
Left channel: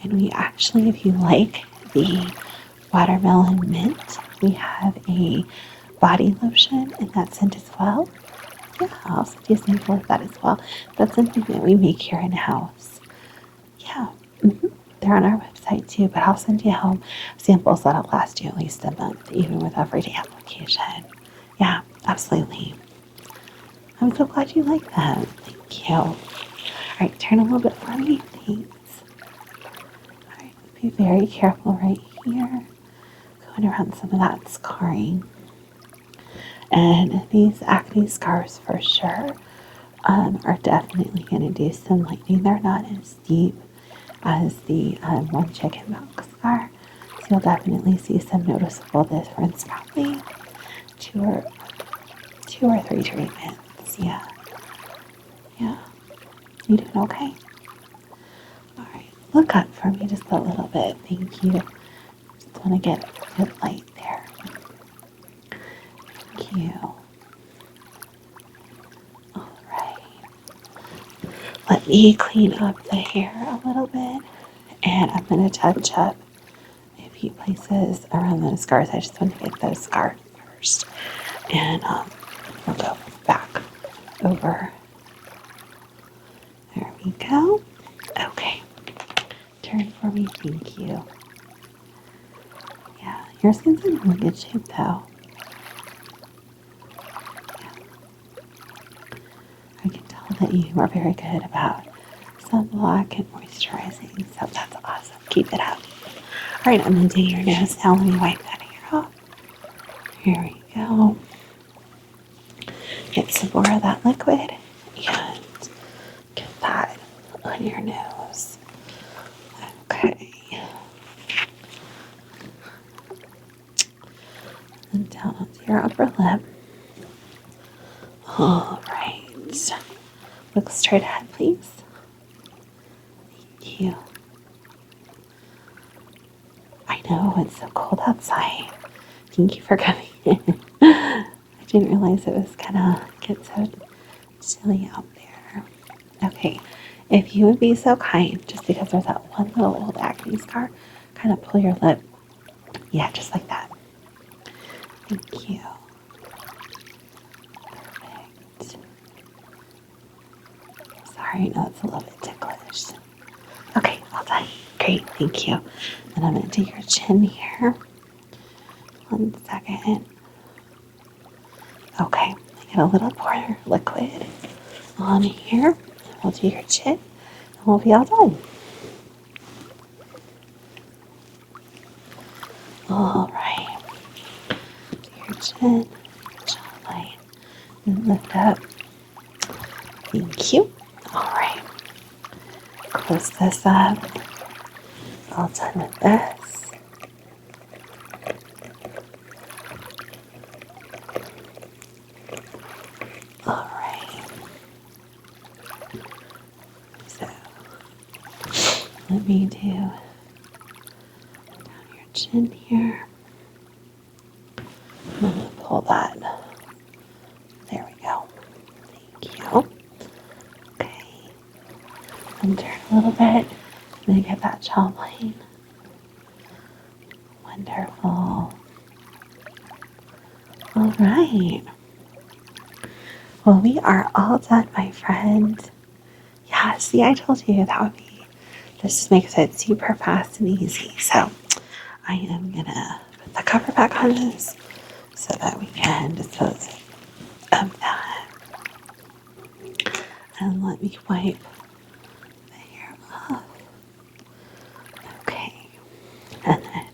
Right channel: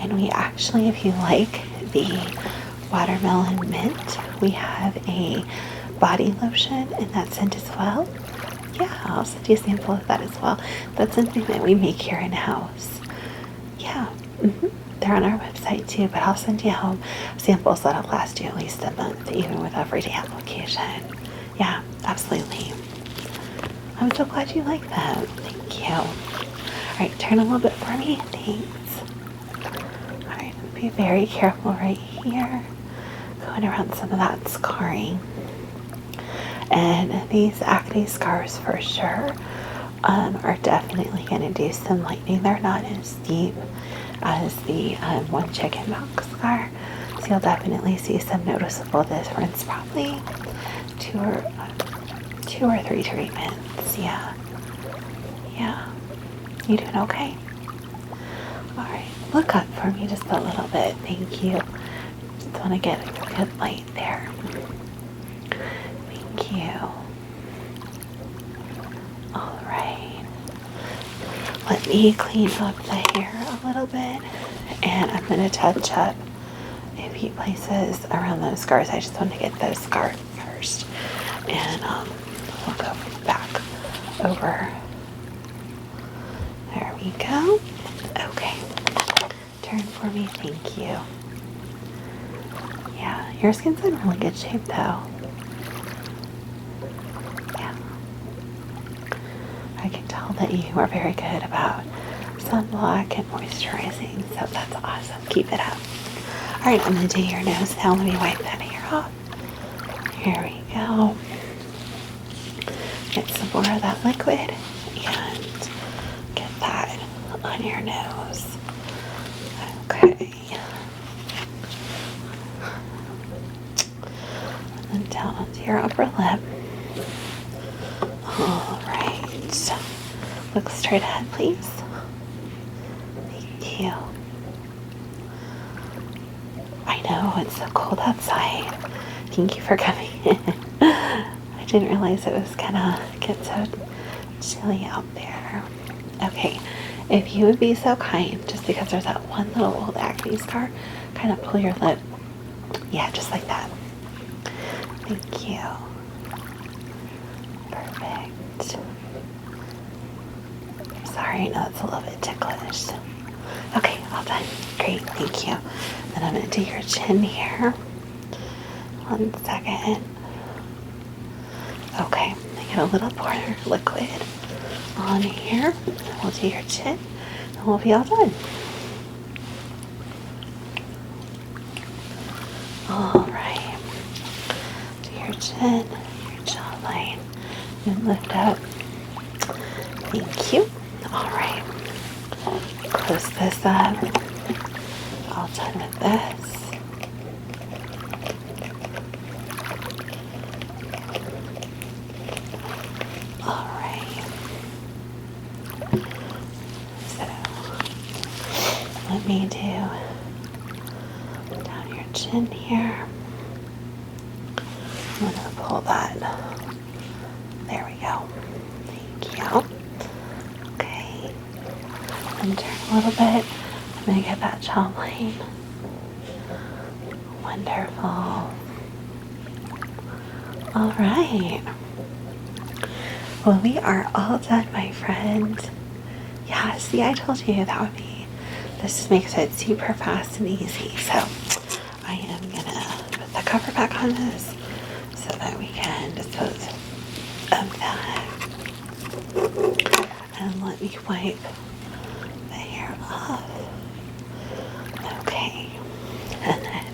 And we actually, if you like the watermelon mint, we have a body lotion in that scent as well. Yeah, I'll send you a sample of that as well. That's something that we make here in-house. Yeah, they're on our website too, but I'll send you home samples that'll last you at least a month, even with everyday application. Yeah, absolutely. I'm so glad you like that. Thank you. All right, turn a little bit for me. Thanks. All right, be very careful right here. Going around some of that scarring. And these acne scars for sure are definitely going to do some lightening. They're not as deep as the one chicken milk scar. So you'll definitely see some noticeable difference, probably two or three treatments. Yeah. Yeah. You doing okay? All right. Look up for me just a little bit. Thank you. Just want to get a good light there. Thank you. All right. Let me clean up the hair a little bit, and I'm going to touch up a few places around those scars. I just want to get those scars first, and we'll go back over. There we go. Okay. Turn for me. Thank you. Yeah, your skin's in really good shape though. Yeah. I can tell that you are very good about sunblock and moisturizing, so that's awesome. Keep it up. All right, I'm going to do your nose now. Let me wipe that hair off. Here we go. Get some more of that liquid and get that on your nose. Okay. And down to your upper lip. All right. Look straight ahead, please. Thank you. I know, it's so cold outside. Thank you for coming in. I didn't realize it was gonna get so chilly out there. Okay, if you would be so kind, just because there's that one little old acne scar, kind of pull your lip. Yeah, just like that. Thank you. Perfect. Sorry, I know it's a little bit ticklish. Okay, all done. Great, thank you. Then I'm going to do your chin here. 1 second. Okay, get a little more liquid on here. We'll do your chin, and we'll be all done. All right. Do your chin, your jawline, and lift up. Thank you. All right. Close this up. All done with this. All right. So let me do down your chin here. I'm going to pull that. There we go. Thank you. Okay. And turn a little bit. I'm going to get that jawline. Wonderful. All right. Well, we are all done, my friend. Yeah, see, I told you that would be, this just makes it super fast and easy. So I am going to put the cover back on this so that we can dispose of let me wipe the hair off. Okay. And then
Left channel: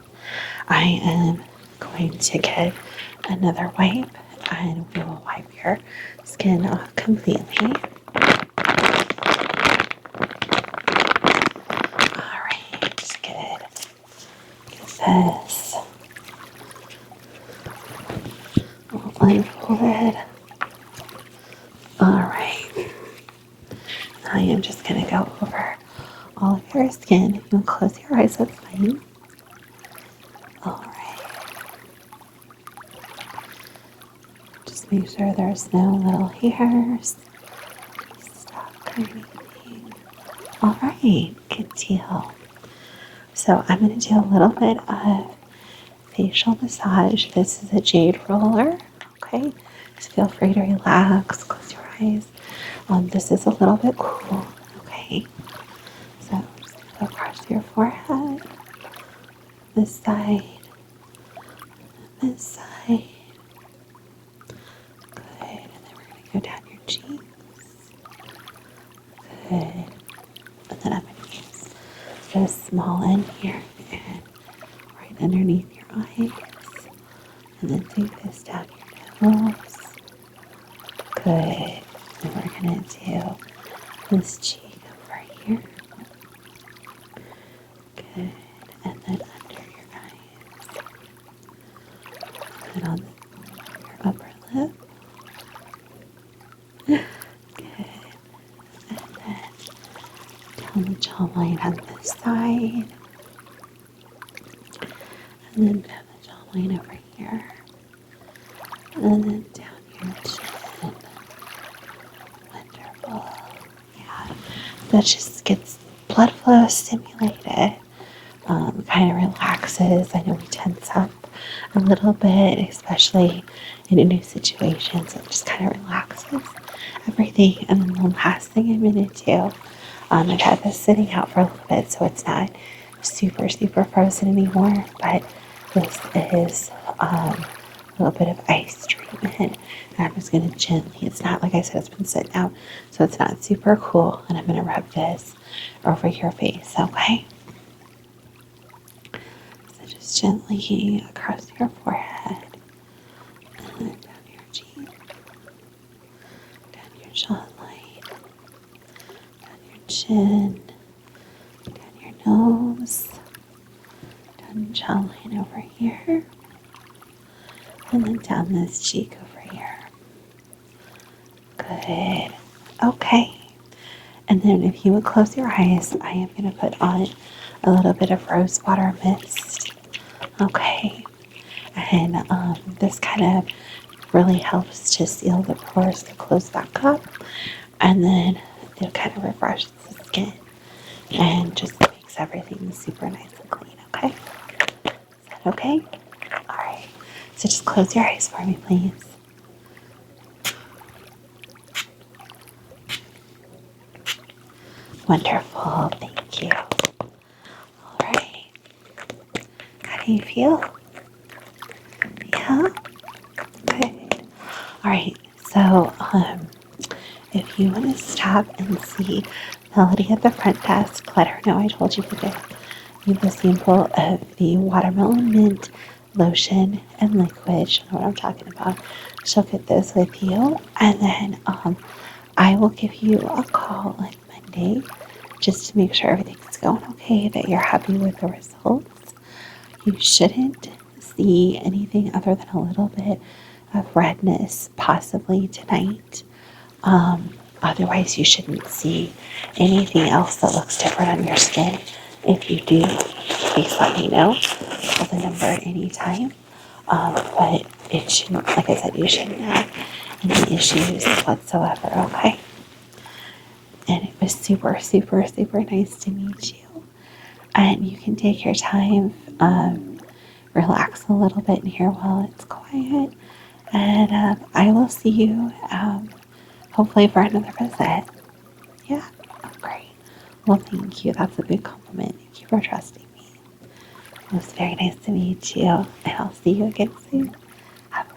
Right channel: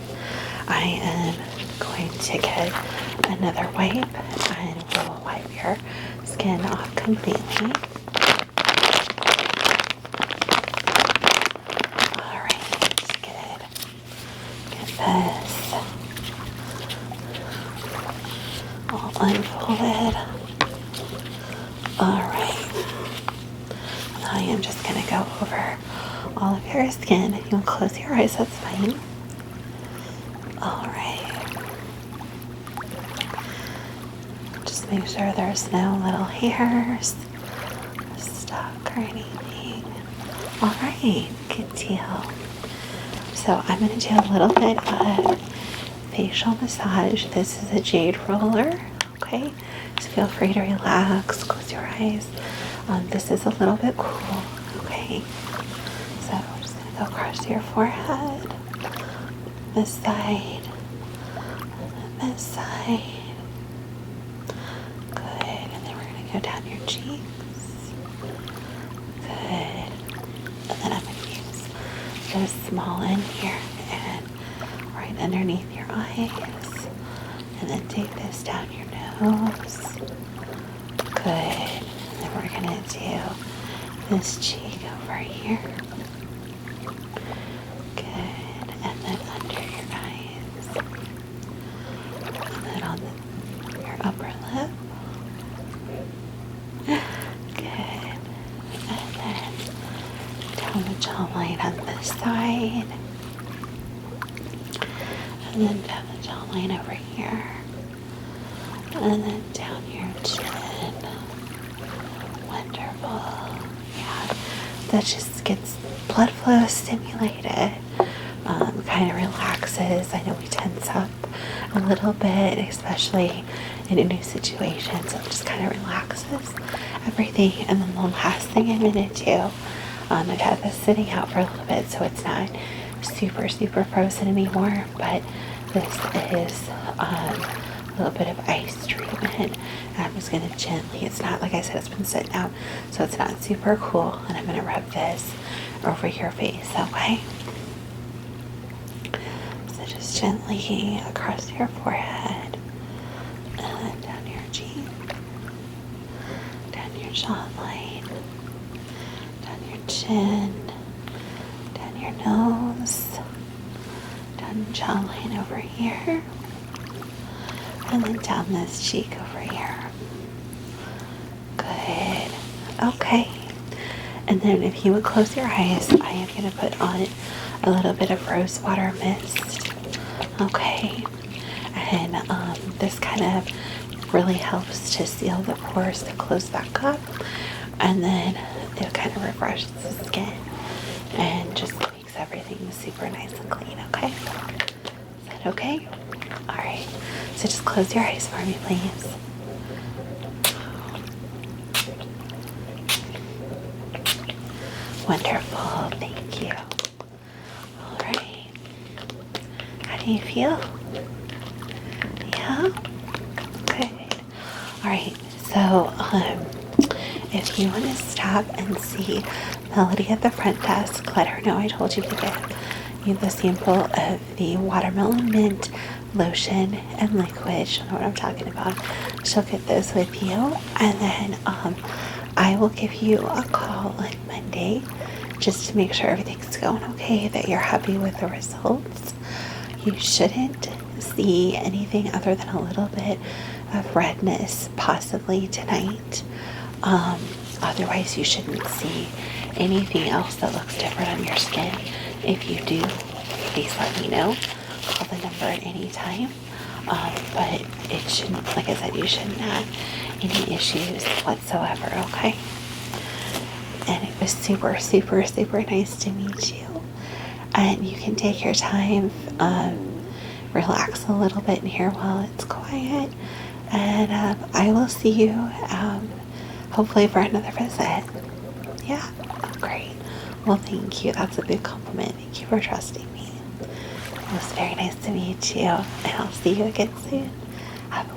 I am going to get another wipe and we'll wipe your skin off completely. Alright, good. Get this all unfolded. Alright. I am just going to go over all of your skin. If you want to close your eyes, that's fine. Alright. Just make sure there's no little hairs stuck or anything. Alright, good deal. So I'm going to do a little bit of facial massage. This is a jade roller. Okay, so feel free to relax, close your eyes. This is a little bit cool. Okay, so I'm just going to go across your forehead, this side, and this side. Good, and then we're going to go down your cheeks. Good, and then I'm going to use this small end here and right underneath your eyes, and then take this down your nose. Good. Then we're going to do this cheek over here. Good. And then under your eyes. And then on your upper lip. Good. And then down the jawline on this side. And then down the jawline over here. And then down your chin. Wonderful. Yeah. That just gets blood flow stimulated. Kind of relaxes. I know we tense up a little bit, especially in a new situation. So it just kind of relaxes everything. And then the last thing I'm going to do, I've had this sitting out for a little bit, so it's not super frozen anymore. But this is a little bit of ice treatment, and I'm just going to gently, it's not, like I said, it's been sitting out, so it's not super cool, and I'm going to rub this over your face, okay? So just gently across your forehead, and then down your cheek, down your jawline, down your chin, down your nose, down your jawline over here, and then down this cheek over here. Good. Okay. And then if you would close your eyes, I am going to put on a little bit of rose water mist. Okay. And this kind of really helps to seal the pores to close back up. And then it kind of refreshes the skin and just makes everything super nice and clean. Okay. Is that okay? All right. So just close your eyes for me, please. Wonderful. Thank you. All right. How do you feel? Yeah? Good. All right. So, if you want to stop and see Melody at the front desk, let her know I told you to get you the sample of the watermelon mint lotion and liquid. She'll know what I'm talking about. She'll get those with you, and then I will give you a call on Monday just to make sure everything's going okay, that you're happy with the results. You shouldn't see anything other than a little bit of redness possibly tonight. Otherwise you shouldn't see anything else that looks different on your skin. If you do, please let me know. Call the number at any time. But it shouldn't, like I said, you shouldn't have any issues whatsoever, okay? And it was super nice to meet you. And you can take your time, relax a little bit in here while it's quiet. And I will see you hopefully for another visit. Yeah, great. Well, thank you. That's a big compliment. Thank you for trusting me. It was very nice to meet you. And I'll see you again soon. Have a